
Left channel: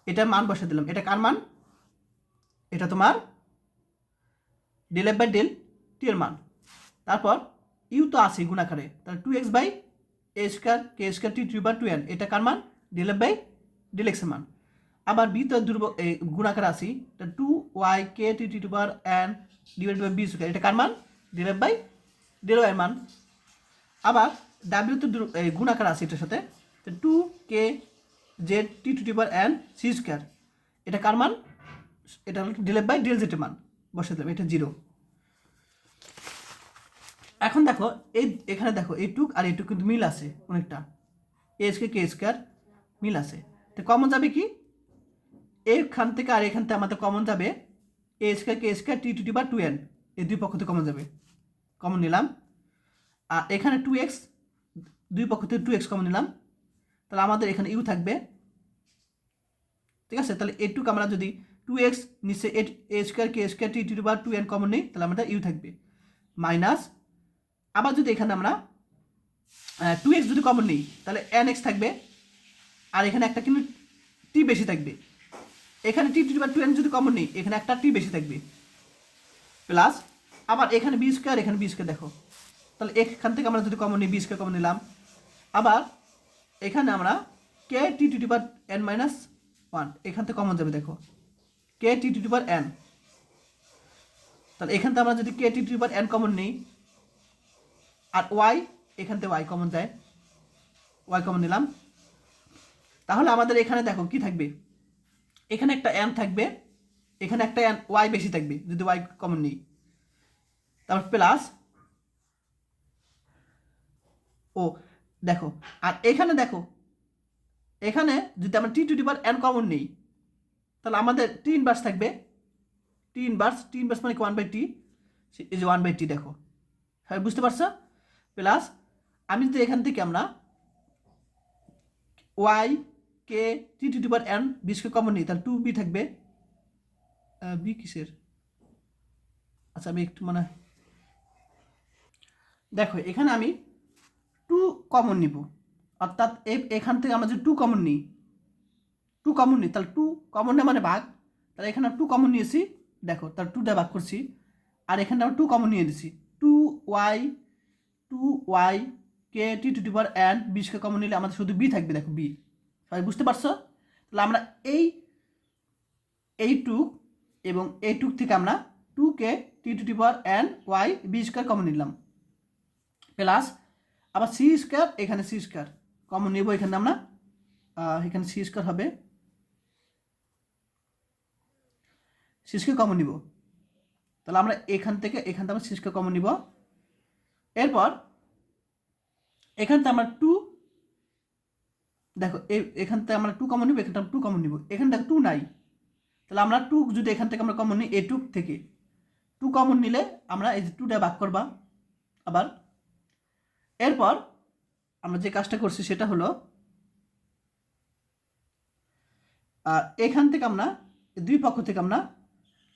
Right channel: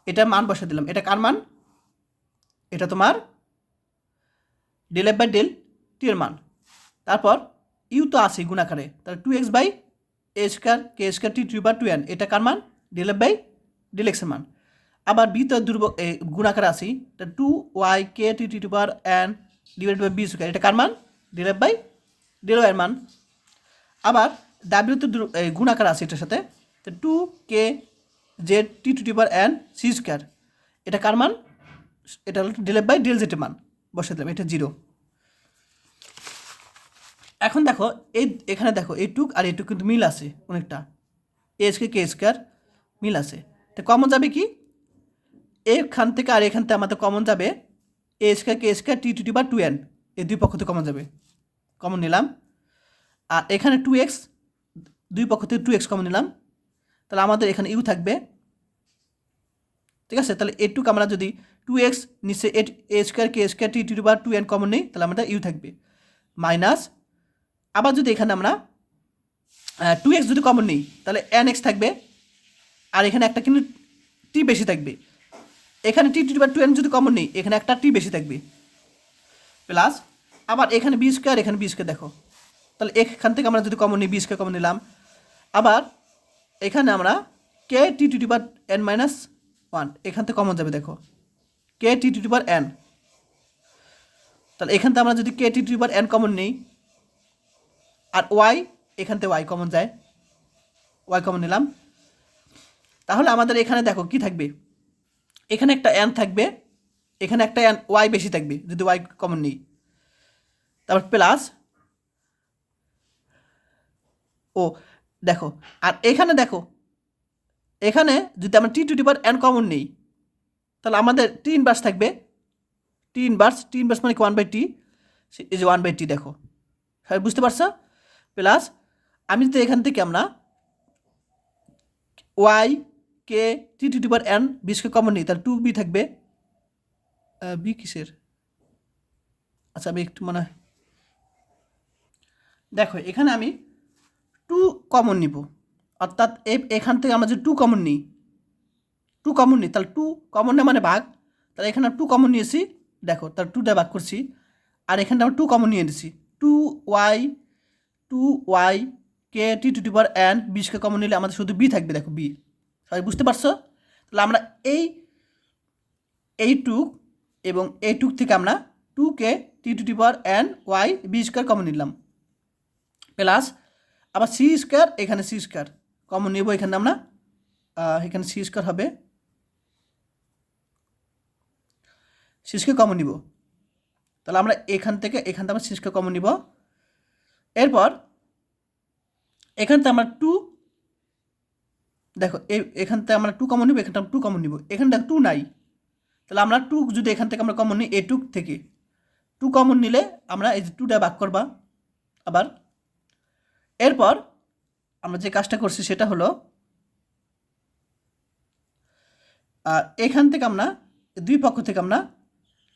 এটা মান বসে দিলাম, এটা কার মান? এটা তোমার del F by del t এর মান। তারপর ইউ তো আছে গুণাকারে, তাহলে 2x by a square K square T to the power 2n, এটা কার মান? ডেল এফ বাই ডেল এক্সের মান। আবার বি তো গুণাকারে আসি, তা 2y K T to the power n divide by B square, এটা কার মান? Del F by del y এর মান। আবার ডাব্লিউ তো গুণাকার আছে এটার সাথে, তো 2k z t to the power n c square, এটা কার মান? এটা হলো del F by del z এর মান, বসে দিলাম, এটা 0। এখন দেখো এখানে দেখো এইটুক আর এইটুক কিন্তু মিল আছে অনেকটা, এ স্কোয়ার কে স্কোয়ার মিল আছে। তো কমন যাবে কি? এখান থেকে আর এখান থেকে আমাদের কমন যাবে A square K square T to the power 2n, এই দুই পক্ষ থেকে কমন যাবে, কমন নিলাম। আর এখানে 2x, দুই পক্ষ থেকে 2x কমন নিলাম, তাহলে আমাদের এখানে ইউ থাকবে, ঠিক আছে? তাহলে এটুক আমরা যদি 2x নিচে A square K square T to the power 2n common নেই, তাহলে আমাদের ইউ থাকবে মাইনাস। আবার যদি এখানে আমরা 2x যদি কমন নেই, তাহলে nx থাকবে, আর এখানে একটা কিন্তু টি বেশি থাকবে। এখানে T to the power 2n যদি কমন নেই, এখানে একটা টি বেশি থাকবে, প্লাস আবার এখানে বি স্কোয়ার, এখানে বি স্কোয়ার দেখো, তাহলে এখান থেকে আমরা যদি কমন নিই বি স্কোয়ার কমন নিলাম। আবার এখানে আমরা K T to the power n minus 1, এখান থেকে কমন যাবে, দেখো কে টি টু দি পাওয়ার n, তাহলে এখান থেকে আমরা যদি K T to the power n common নিই, আর ওয়াই এখান থেকে ওয়াই কমন যায়, ওয়াই কমন নিলাম, তাহলে আমাদের এখানে দেখো কি থাকবে? এখানে একটা n থাকবে, এখানে একটা n ওয়াই বেশি থাকবে যদি ওয়াই কমন নিই, তারপর প্লাস ও দেখো, আর এখানে দেখো এখানে যদি আমরা T to the power n common নিই, তাহলে আমাদের টি ইনভার্স থাকবে, টি ইনভার্স মানে কি 1/t, এই যে 1/t দেখো, সবাই বুঝতে পারছো? প্লাস আমি যদি এখান থেকে আমরা Y K T to the power n বিশকে কমন নিই, তাহলে 2b থাকবে, বি কিসের? আচ্ছা আমি একটু মানে দেখো এখানে আমি 2 কমন নিব, অর্থাৎ এখান থেকে আমরা যদি 2 কমন নিই, তাহলে 2 কমন না মানে ভাগ, তাহলে এখানে 2 কমন নিয়েছি, দেখো তাহলে 2 দিয়ে ভাগ করছি, আর এখানে আমরা 2 কমন নিয়ে নিয়েছি, 2y K T to the power N বিশকে কমন নিলে আমাদের শুধু বি থাকবে, দেখো বি। সবাই বুঝতে পারছো? তাহলে আমরা এই টু এবং এই টুক থেকে আমরা 2কে T to the power N Y B square common নিলাম, প্লাস আবার সি স্কোয়ার, এখানে সি স্কোয়ার কমন নিব, এখানে আমরা এখানে সি স্কোয়ার হবে, সি স্কোয়ার কমন নিব। তাহলে আমরা এখান থেকে আমরা সি স্কোয়ার কমন নিব। এরপর এখান থেকে আমরা টু, দেখো এখান থেকে আমরা টু কমন নিব, এখানটা টু কমন নিব, এখানটা টু নাই। তাহলে আমরা টু যদি এখান থেকে আমরা কমন নিই, এ টু থেকে টু কমন নিলে আমরা এই যে টুটা ভাগ করবা আবার। এরপর আমরা যে কাজটা করছি সেটা হলো এখান থেকে আমরা দুই পক্ষ থেকে আমরা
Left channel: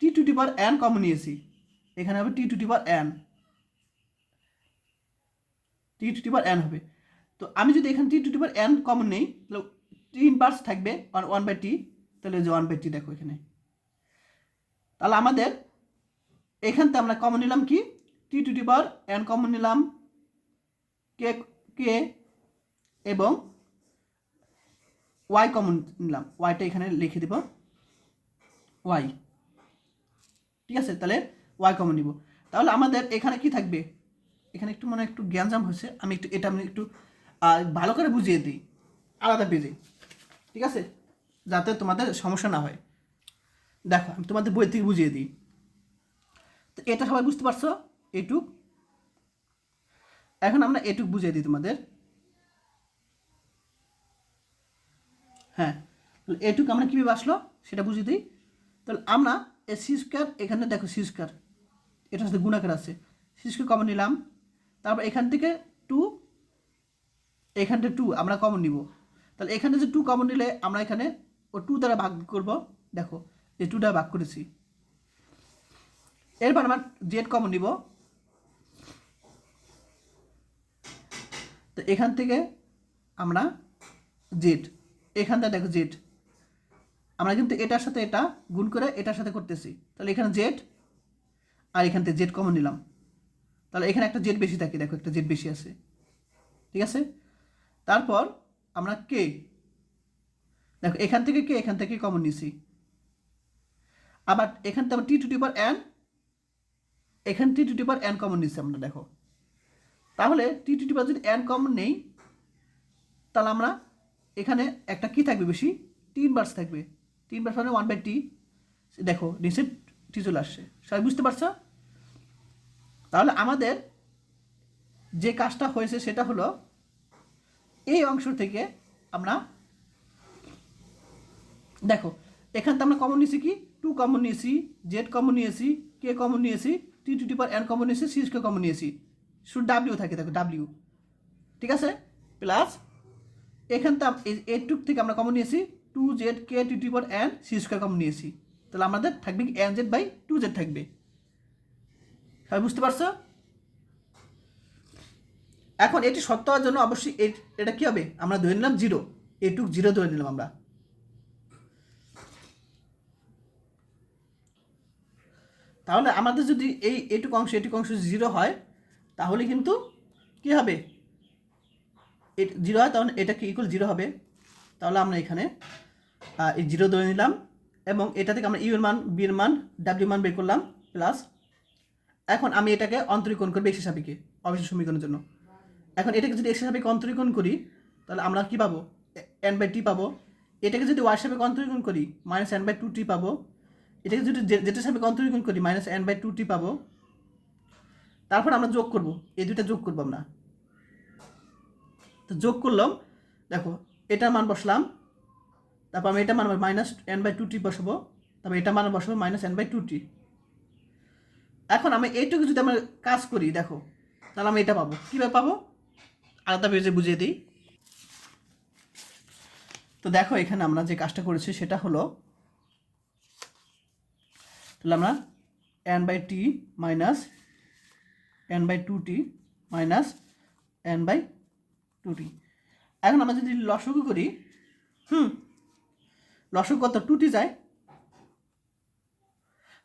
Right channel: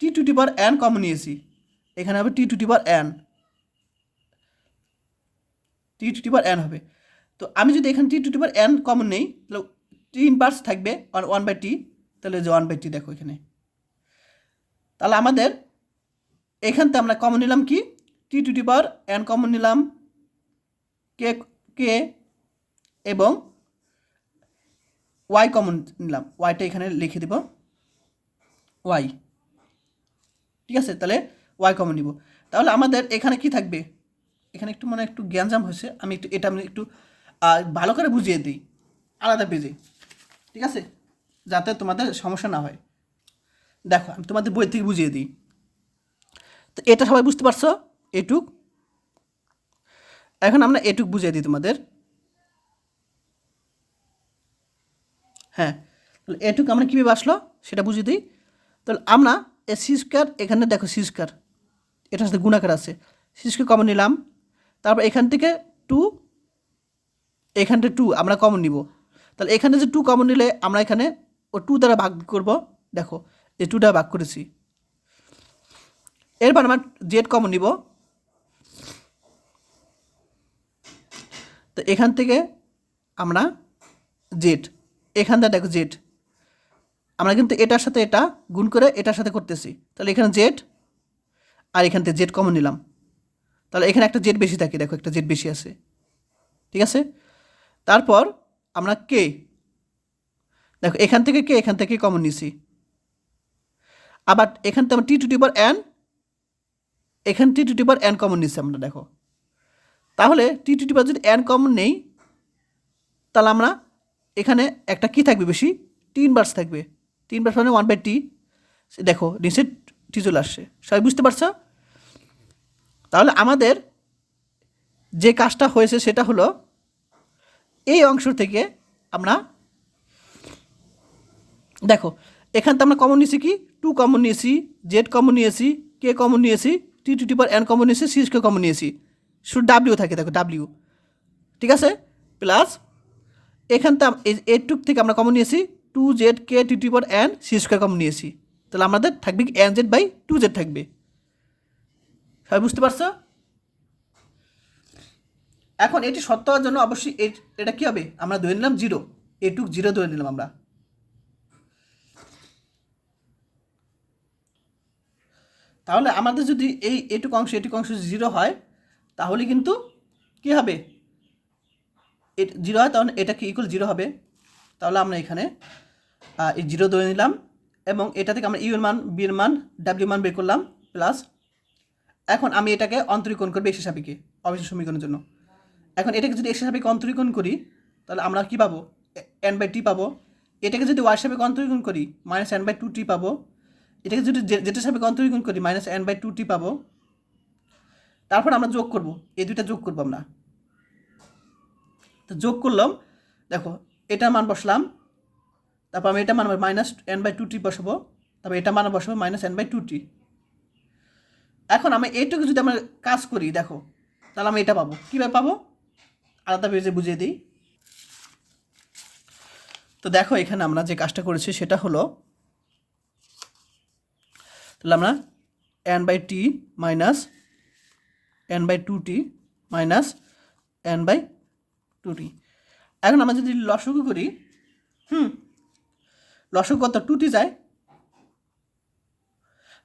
T to the power N common নিয়েছি, এখানে হবে T to the power N, T to the power N হবে। তো আমি যদি এখানে T to the power N common নেই, তাহলে টি ইনভার্স থাকবে ওয়ান বাই টি, তাহলে যে ওয়ান বাই টি দেখো এখানে। তাহলে আমাদের এখান থেকে আমরা কমন নিলাম কি, T to the power N common নিলাম, কে কে এবং ওয়াই কমন নিলাম, ওয়াইটা এখানে লিখে দিব ওয়াই, ঠিক আছে। তাহলে ওয়াই কমন নিব। তাহলে আমাদের এখানে কি থাকবে, এখানে একটু মানে একটু জ্ঞানজাম হয়েছে, আমি একটু ভালো করে বুঝিয়ে দিই আলাদা পেজে, ঠিক আছে, যাতে তোমাদের সমস্যা না হয়। দেখো আমি তোমাদের বই থেকে বুঝিয়ে দিই। তো এটা সবাই বুঝতে পারছো এটুক? এখন আমরা এটুক বুঝিয়ে দিই তোমাদের। হ্যাঁ, তাহলে এটুক আমরা কীভাবে আসলো সেটা বুঝিয়ে দিই। তাহলে আমরা সি স্কোয়ার, এখানে দেখো সি স্কোয়ার, এটার সাথে গুণাকার আছে, সি স্কোয়ার কমন নিলাম। তারপর এখান থেকে টু, এখানটা টু আমরা কমন নিব। তাহলে এখানে যে টু কমন নিলে আমরা এখানে ও টু দ্বারা ভাগ করব, দেখো এই টু দ্বারা ভাগ করেছি। এরপর আমরা জেড কমন নিব। তো এখান থেকে আমরা জেড, এখানটা দেখো জেড, আমরা কিন্তু এটার সাথে এটা গুণ করে এটার সাথে করতেছি, তাহলে এখানে জেড আর এখান থেকে জেড কমন নিলাম। তাহলে এখানে একটা জেড বেশি থাকে, দেখো একটা জেড বেশি আছে, ঠিক আছে। তারপর আমরা কে, দেখো এখান থেকে কমন নিছি। আবার এখান থেকে আমরা T to the power N, এখান T to the power N common নিছি আমরা, দেখো। তাহলে টি টু দি পাওয়ার যদি এন কমন নেই, তাহলে আমরা এখানে একটা কি থাকবে বেশি, টি ইনভার্স থাকবে, টি ইনভার্স মানে ওয়ান বাই টি, দেখো নিচে টি চলে আসছে, সবাই বুঝতে পারছো? তাহলে আমাদের যে কাজটা হয়েছে সেটা হলো এই অংশ থেকে আমরা দেখো এখান থেকে আমরা কমন নিয়েছি কি, টু কমন নিয়েছি, জেড কমন নিয়েছি, কে কমন নিয়েছি, T to the power N common নিয়েছি, সি স্কোয়ার কমন নিয়েছি, শুধু ডাব্লিউ থাকে, দেখো ডাব্লিউ, ঠিক আছে। প্লাস এখান থেকে এইটুক থেকে আমরা কমন নিয়েছি two z k T to the power n c square common নিয়েছি, তাহলে আমাদের থাকবে কি n z by two z থাকবে, সবাই বুঝতে পারছো? এখন এটি সত্য হওয়ার জন্য অবশ্যই এটা কি হবে, আমরা ধরে নিলাম জিরো, এটুক জিরো ধরে নিলাম আমরা। তাহলে আমাদের যদি এটুক অংশ জিরো হয়, তাহলে কিন্তু কি হবে, জিরো হয়, তখন এটা কি ইকুয়াল জিরো হবে। তাহলে আমরা এখানে এই জিরো ধরে নিলাম এবং এটা থেকে আমরা ইউর মান, বির মান, ডাব্লিউ মান বের করলাম। প্লাস এখন আমি এটাকে অন্তরীকরণ করবো এক্স সাপেক্ষে অবিচ্ছেদ্য সমীকরণের জন্য। এখন এটাকে যদি এক্স সাপেক্ষে অন্তরীকরণ করি, তাহলে আমরা কি পাবো, এন বাই টি পাবো। এটাকে যদি ওয়াই সাপেক্ষে অন্তরীকরণ করি, মাইনাস এন বাই টু টি পাবো। এটাকে যদি জেটের সাপেক্ষে অন্তরীকরণ করি, মাইনাস এন বাই টু টি পাবো। তারপর আমরা যোগ করব, এই দুইটা যোগ করবো আমরা। তো যোগ করলাম, দেখো এটার মান বসলাম, তারপর আমি এটা মান মাইনাস এন বাই টু টি বসাবো, তারপর এটা মান বসাবো minus N by two T. এখন আমি এইটুকু যদি আমরা কাজ করি, দেখো তাহলে আমি এটা পাবো, কীভাবে পাবো আলাদা পেজে বুঝিয়ে দিই। তো দেখো এখানে আমরা যে কাজটা করেছি সেটা হলো, তাহলে আমরা N by T minus N by two T minus N by two T. এখন আমরা যদি লসাগু করি, লসাগু কত, টু টি যায়,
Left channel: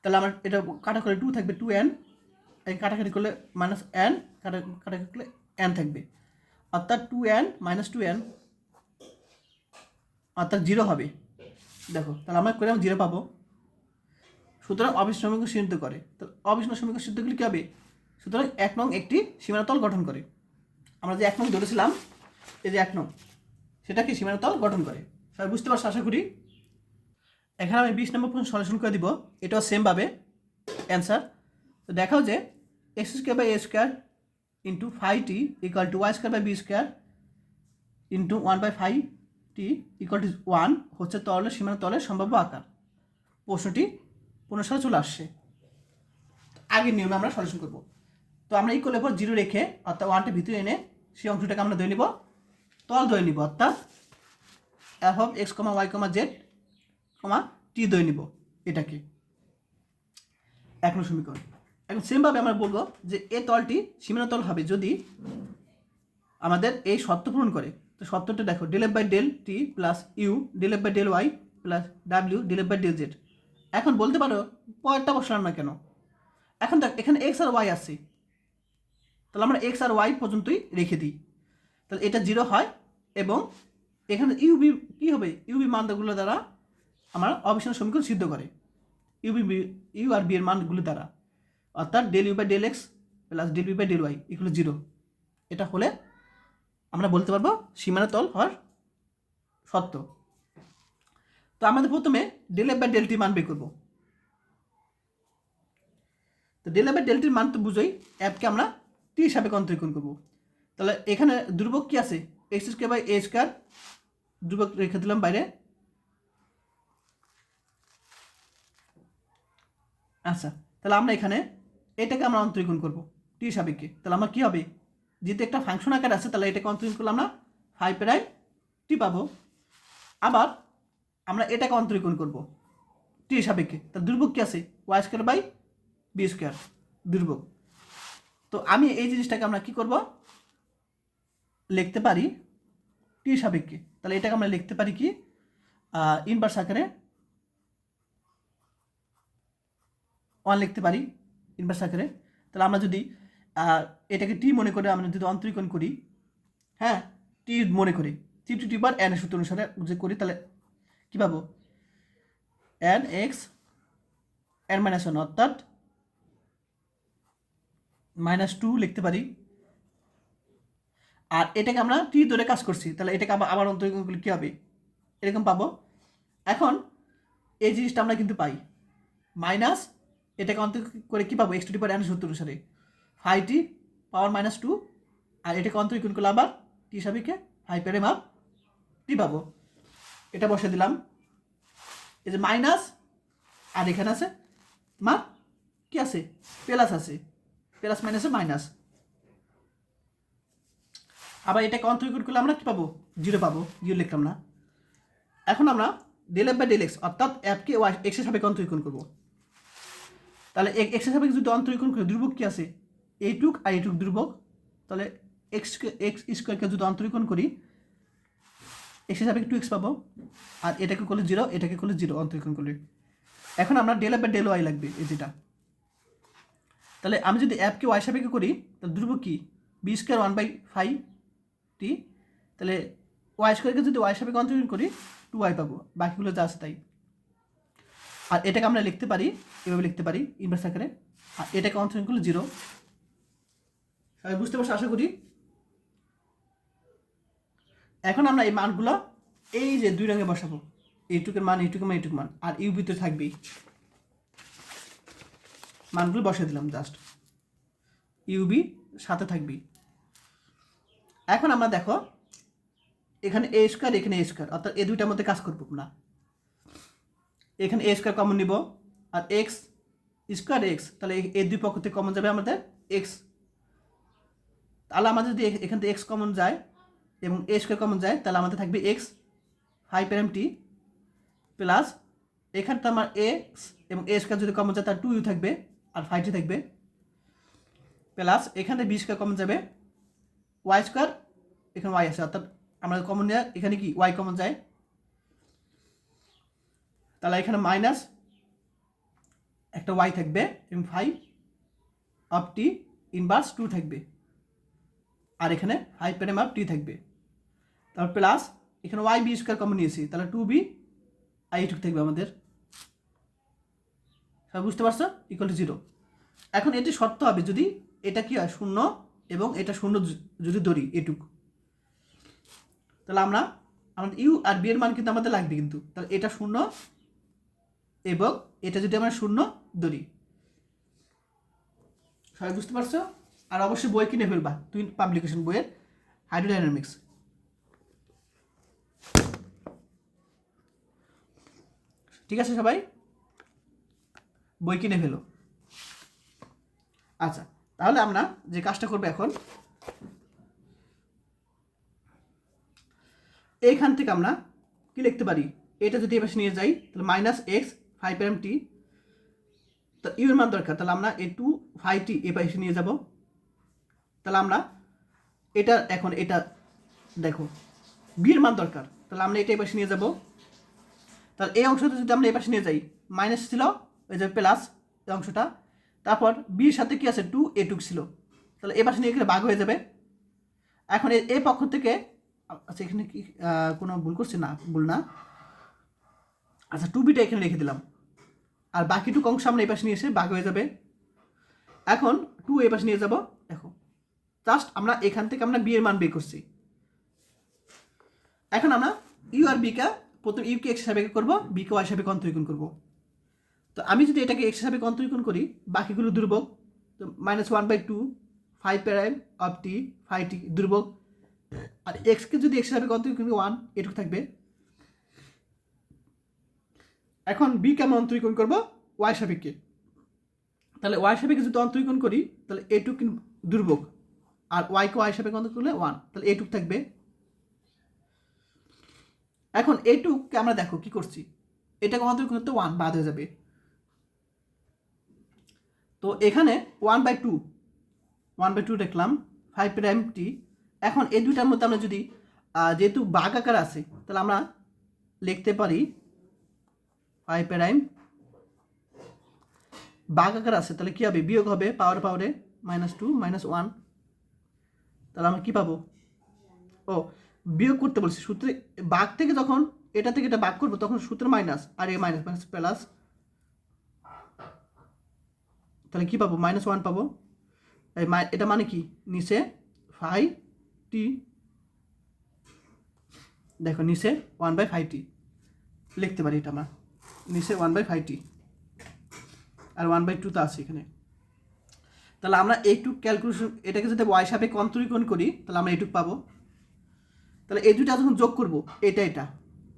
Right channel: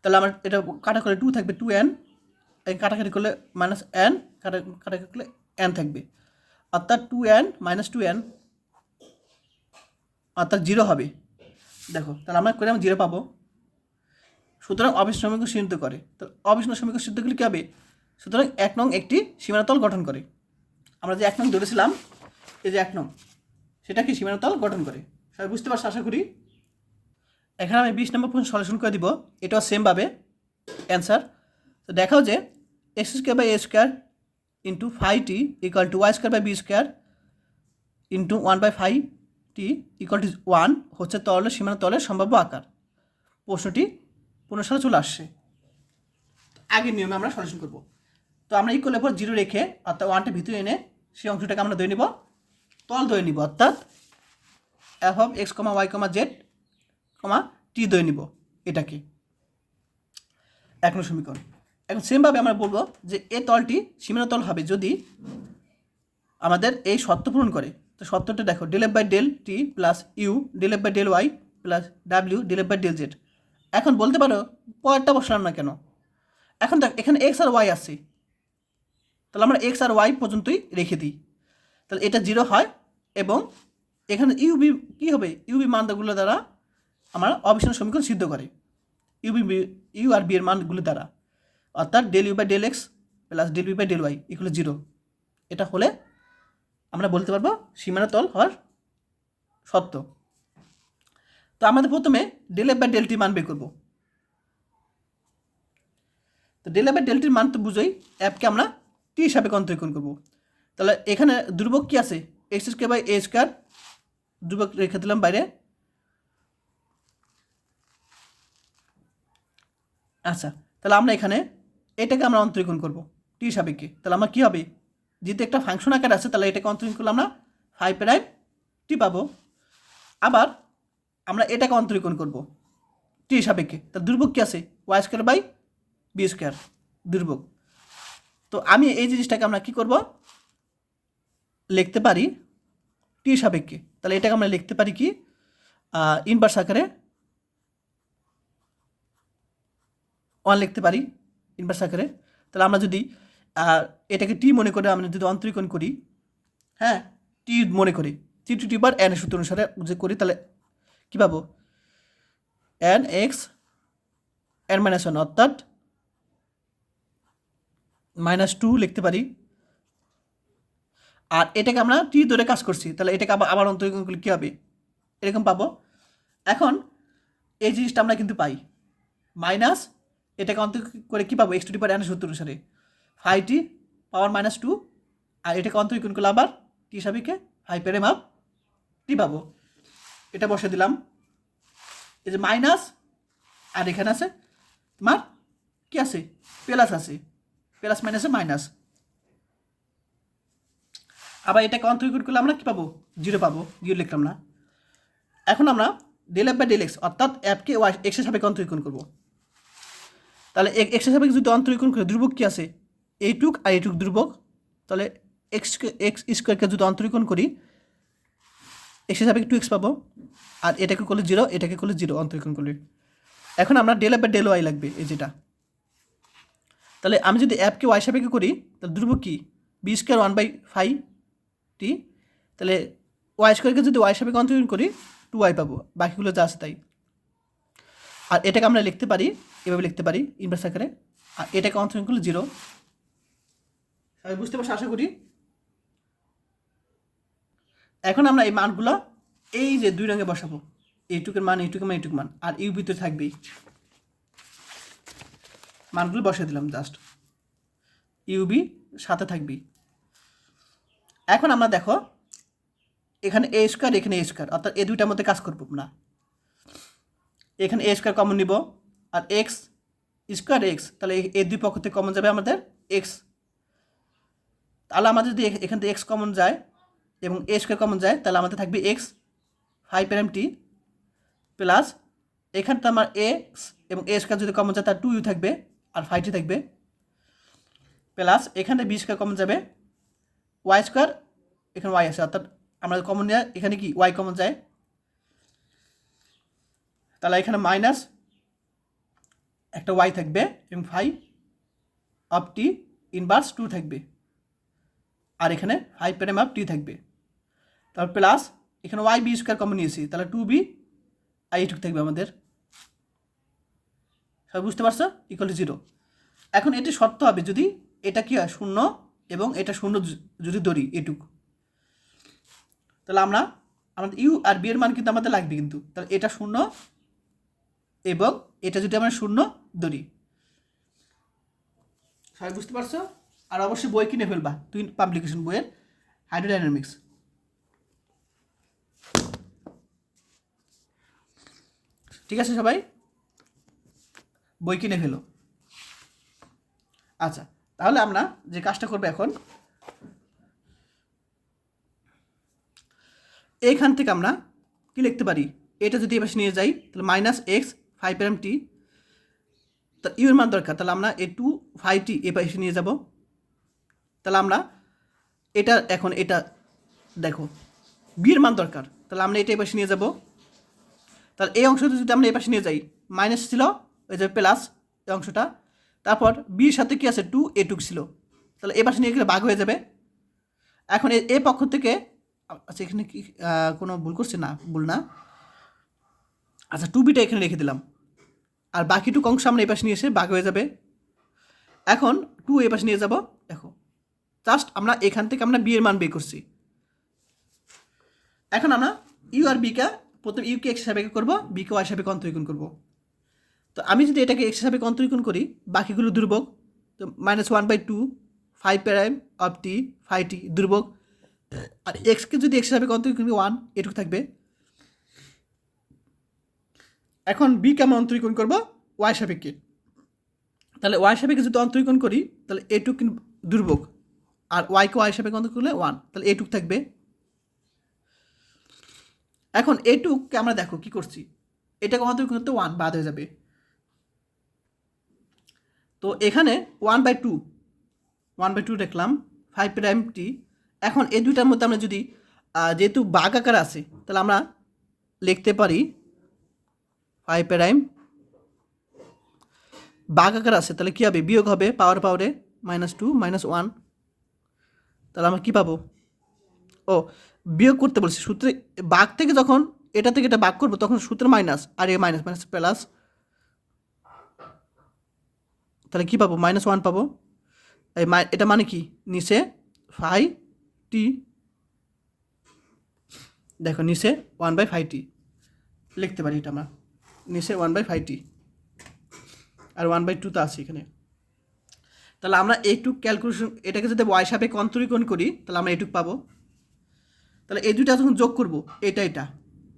তাহলে আমার এটা কাটা করলে টু থাকবে, টু এন, কাটাকাটি করলে মাইনাস এন, কাটাকাটি করলে এন থাকবে। অর্থাৎ 2n মাইনাস 2n অর্থাৎ 0 হবে। দেখো তাহলে আমরা করে 0 পাবো। সুতরাং অবিচ্ছিন্ন সমীকরণ সিদ্ধ করে। তো অবিচ্ছিন্ন সমীকরণ সিদ্ধ করলে কী হবে? সুতরাং 1 নং একটি সীমানাতল গঠন করে। আমরা যে 1 নং ধরেছিলাম, এই যে 1 নং, সেটা কি সীমানাতল গঠন করে। সবাই বুঝতে পারছো আশা করি। এখানে আমি 20 নম্বর প্রশ্ন সলিউশন করে দিব। এটাও সেমভাবে অ্যান্সার। তো দেখাও যে x square by a square into 5t equal to y square by B square into 1/5t equal to 1 হচ্ছে তলের সীমানা তলের সম্ভাব্য আকার। প্রশ্নটি পুনঃসারে চলে আসছে। আগের নিয়মে আমরা সলিউশন করব। তো আমরা ইকুয়ালের পর 0 রেখে অর্থাৎ 1টা ভিতরে এনে সেই অংশটাকে আমরা ধরে নিব, তল ধরে নিব, অর্থাৎ F of x comma Y comma Z comma T ধরে নিব এটাকে। 1 নং সমীকরণ। এখন সেমভাবে আমরা বলবো যে এ তলটি সীমানা তল হবে যদি আমাদের এই শর্ত পূরণ করে। তো শর্তটা দেখো, del F by del t plus u del F by del y plus ডাব্লিউ del F by del z. এখন বলতে পারো পরেরটা বসালাম না কেন? এখন দেখ এখানে এক্স আর ওয়াই আছে, তাহলে আমরা এক্স আর ওয়াই পর্যন্তই রেখে দিই, তাহলে এটা 0 হয়। এবং এখানে ইউবি কী হবে? ইউবি মানগুলো দ্বারা আমরা অবিচ্ছিন্ন সমীকরণ সিদ্ধ করে, ইউ আর বি এর মানগুলো দ্বারা, অর্থাৎ del u by del x plus del b by del y এগুলো 0। এটা হলে আমরা বলতে পারবো সীমানা তল হওয়ার সত্য। তো আমাদের প্রথমে ডেল এফ বাই ডেলটি মান বের করবো। তো ডেল এফ বাই ডেলটির মান তো বুঝোই, অ্যাপকে আমরা টি হিসাবে কন্ট্রিবিউশন করবো। তাহলে এখানে ধ্রুবক কী আছে? X square by a square, ধ্রুবক রেখে দিলাম বাইরে। আচ্ছা, তাহলে আমরা এখানে এটাকে আমরা অন্তরীকরণ করবো টি সাপেক্ষে। তাহলে আমার কী হবে? যেহেতু একটা ফাংশন আকার আছে, তাহলে এটাকে অন্তরীকরণ করলে আমরা 5 টি পাবো। আবার আমরা এটাকে অন্তরীকরণ করবো টি সাপেক্ষে। তার ধ্রুবক কী আছে? Y square by B square ধ্রুবক। তো আমি এই জিনিসটাকে আমরা কী করব? লিখতে পারি টি সাপেক্ষে। তাহলে এটাকে আমরা লিখতে পারি কি ইনভার্স আকারে 1 লিখতে পারি ইনভার্স আকারে। তাহলে আমরা যদি এটাকে টি মনে করে আমরা যদি অন্তরীকরণ করি, হ্যাঁ টি মনে করি, টি টু টি বার এন সূত্র অনুসারে যে করি, তাহলে কী পাবো? এন এক্স এন মাইনাস 1 অর্থাৎ -2 লিখতে পারি। আর এটাকে আমরা টি ধরে কাজ করছি, তাহলে এটাকে আবার অন্তরীকরণ করলে কী হবে? এরকম পাবো। এখন এই জিনিসটা আমরা কিন্তু পাই মাইনাস, এটাকে অন্তরীকরণ করে কী পাবো? X two the power N সূত্র অনুসারে 5t পাওয়ার -2, আর এটাকে অন্তরীকরণ করলে আবার টি সাপেক্ষে 5 এর মাপ টি পাবো। এটা বসে দিলাম। এই যে মাইনাস, আর এখানে আছে তোমার কি আছে? প্লাস আছে, প্লাস মাইনাসে মাইনাস। আবার এটাকে অন্তরীকরণ করলে আমরা কী পাবো? 0 পাবো, 0 লিখলাম না। এখন আমরা del F by del x অর্থাৎ এফকে ওয়াই এক্সের সাপেক্ষে অন্তরীকরণ করবো। তাহলে এক্সের সাপেক্ষে যদি অন্তরীকরণ করে ধ্রুবক কী আছে? এইটুক আর এইটুক ধ্রুবক। তাহলে এক্স স্কোয়ারকে যদি অন্তরীকরণ করি, এক্সের সাপেক্ষে 2x পাবো, আর এটাকে করলে 0, এটাকে করলে 0 অন্তরীকরণ করলে। এখন আমরা del F by del y লাগবে, এই যেটা। তাহলে আমি যদি অ্যাপকে ওয়াই সাপেক্ষে করি, তাহলে ধ্রুবক কি? B square 1/5t। তাহলে ওয়াই স্কোয়ারকে যদি ওয়াই সাপেক্ষে অন্তরীকরণ করি 2y পাবো, বাকিগুলো যা আছে তাই। আর এটাকে আমরা লিখতে পারি, এভাবে লিখতে পারি ইনভার্স আকারে, আর এটাকে অন্তরীকরণ করলে 0। আমি বুঝতে পারছি আশা করি। এখন আমরা এই মানগুলো এই যে 2 রঙে বসাবো, এইটুকের মান, এইটুকের মান, এইটুক মান, আর ইউ ভিতরে থাকবেই। মানগুলো বসিয়ে দিলাম জাস্ট, ইউবি সাথে থাকবেই। এখন আমরা দেখো এখানে এ স্কোয়ার, এখানে এ স্কোয়ার, অর্থাৎ এই দুইটার মধ্যে কাজ করবো না। এখানে এ স্কোয়ার কমন নিব, আর এক্স স্কোয়ার এক্স, তাহলে এই দুই পক্ষ থেকে কমন যাবে আমাদের এক্স। তাহলে আমাদের যদি এখান থেকে এক্স কমন যায় এবং এ স্কোয়ার কমন যায়, তাহলে আমাদের থাকবে এক্স 5 টি প্লাস এখানটা আমার এক্স এবং এ স্কোয়ার যদি কমন যায় তার 2u থাকবে, আর 5t থাকবে, প্লাস এখানে বি স্কোয়ার কমন যাবে, ওয়াই স্কোয়ার, এখানে ওয়াই আছে, অর্থাৎ আমরা কমন নেওয়া এখানে কি ওয়াই কমন যায়, তাহলে এখানে মাইনাস একটা ওয়াই থাকবে এবং 5 অফ টি ইনভার্স 2 থাকবে। আর এখানে 5 প্রাইম অফ টি থাকবে, তারপর প্লাস এখানে ওয়াই বি স্কোয়ার কমন নিয়েছি, তাহলে 2b আর এইটুকু থাকবে আমাদের। সবাই বুঝতে পারছো? Equal to 0। এখন এটি শর্ত হবে যদি এটা কি হয় 0 এবং এটা 0 যদি ধরি এটুকু, তাহলে আমরা আমাদের ইউ আর বি এর মান কিন্তু আমাদের লাগবে কিন্তু, তাহলে এটা 0 এবং এটা যদি আমরা 0 ধরি। সবাই বুঝতে পারছো? আর অবশ্যই বই কিনে ফেলবা, তুই পাবলিকেশন বইয়ের হাইড্রোডাইনামিক্স। ঠিক আছে সবাই, বই কিনে ফেলো। আচ্ছা, তাহলে আমরা যে কাজটা করবো এখন, এইখান থেকে আমরা কি লিখতে পারি, এটা যদি এবার নিয়ে যাই তাহলে মাইনাস এক্স 5 প্রাইম টি, তা ইউ এর মান দরকার, তাহলে আমরা এ টু 5t এ পাশে নিয়ে যাব। তাহলে আমরা এটা এখন এটা দেখো বি এর মান দরকার, তাহলে আমরা এটা এই পাশে নিয়ে যাব। তাহলে এই অংশটা যদি আমরা এই পাশে নিয়ে যাই, মাইনাস ছিল ওই যে প্লাস এই অংশটা, তারপর বির সাথে কি আছে 2 এটুক ছিল, তাহলে এই পাশে নিয়ে গেলে ভাগ হয়ে যাবে। এখন এ পক্ষ থেকে, আচ্ছা এখানে কি কোনো ভুল করছে? না, ভুল না। আচ্ছা 2bটা এখানে রেখে দিলাম, আর বাকিটুকু অংশ আমরা এই পাশে নিয়ে এসে ভাগ হয়ে যাবে। এখন 2 এই পাশে নিয়ে যাব। দেখো জাস্ট আমরা এখান থেকে আমরা বি এর মান বের করছি। এখন আমরা ইউ আর বিকে প্রথম ইউকে এক্স হিসাবে করবো, বিকে ওয়াই হিসাবে অন্তরীকরণ করবো। তো আমি যদি এটাকে এক্স হিসাবে অন্তরীকরণ করি, বাকিগুলো দুর্ভোগ, তো -1/2 5 প্রাইম অফ টি 5t দুর্ভোগ, আর এক্সকে যদি এক্স হিসাবে অন্তরীকরণ করি 1 এটুকু থাকবে। এখন বিকে আমরা অন্তরীকরণ করবো ওয়াই সাপেক্ষে, তাহলে ওয়াই সাপেক্ষে যদি অন্তরীকরণ করি তাহলে এটুক দুর্ভোগ, আর ওয়াইকে ওয়াই সাপেক্ষে অন্তরীকরণ করলে 1, তাহলে এটুক থাকবে। এখন এটুককে আমরা দেখো কি করছি, এটাকে অন্তরীকরণ করতে 1 বাদ হয়ে যাবে, তো এখানে 1/2 দেখলাম 5 প্রাইম টি। এখন এই দুইটার মধ্যে আমরা যদি যেহেতু ভাগ আকার আছে, তাহলে আমরা লিখতে পারি 5 প্রাইম ভাগ আকার আছে, তাহলে কী হবে, বিয়োগ হবে পাওয়ারে -2 -1, তাহলে আমরা কী পাবো, ও বিয়োগ করতে বলছি সূত্রে, ভাগ থেকে যখন এটা থেকে এটা ভাগ করবো তখন সূত্রে মাইনাস, আর এ মাইনাস মাইনাস প্লাস, তাহলে কী পাবো, -1 পাবো। এই এটা মানে কি, নিচে 5t, দেখো নিচে 1/5t লিখতে পারি, এটা আমরা নিচে 1/5t, আর 1/2 তো আছে এখানে। তাহলে আমরা একটু ক্যালকুলেশন, এটাকে যদি ওয়াই সাপেক্ষে অন্তরীকরণ করি তাহলে আমরা এইটুক পাবো। তাহলে এই দুইটা যখন যোগ করবো, এটা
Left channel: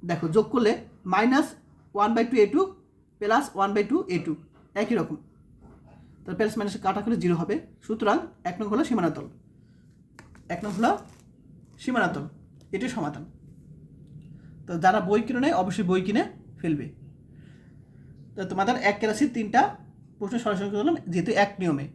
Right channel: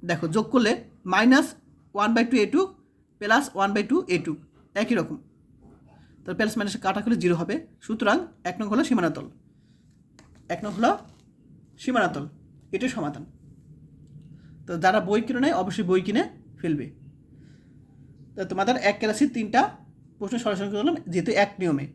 দেখো যোগ করলে -1/2 এটুক প্লাস 1/2 এটুক একই রকম, তাহলে প্লাস মাইনাসে কাটা করলে 0 হবে। সুতরাং 1 নং হলো সীমানাতল, 1 নং হলো সীমানাতল, এটাই সমাধান। তো যারা বই কিনে নেয় অবশ্যই বই কিনে ফেলবে। তো তোমাদের 1 ক্লাসের 3টা প্রশ্ন সরাসরি করলাম, যেহেতু এক নিয়মে।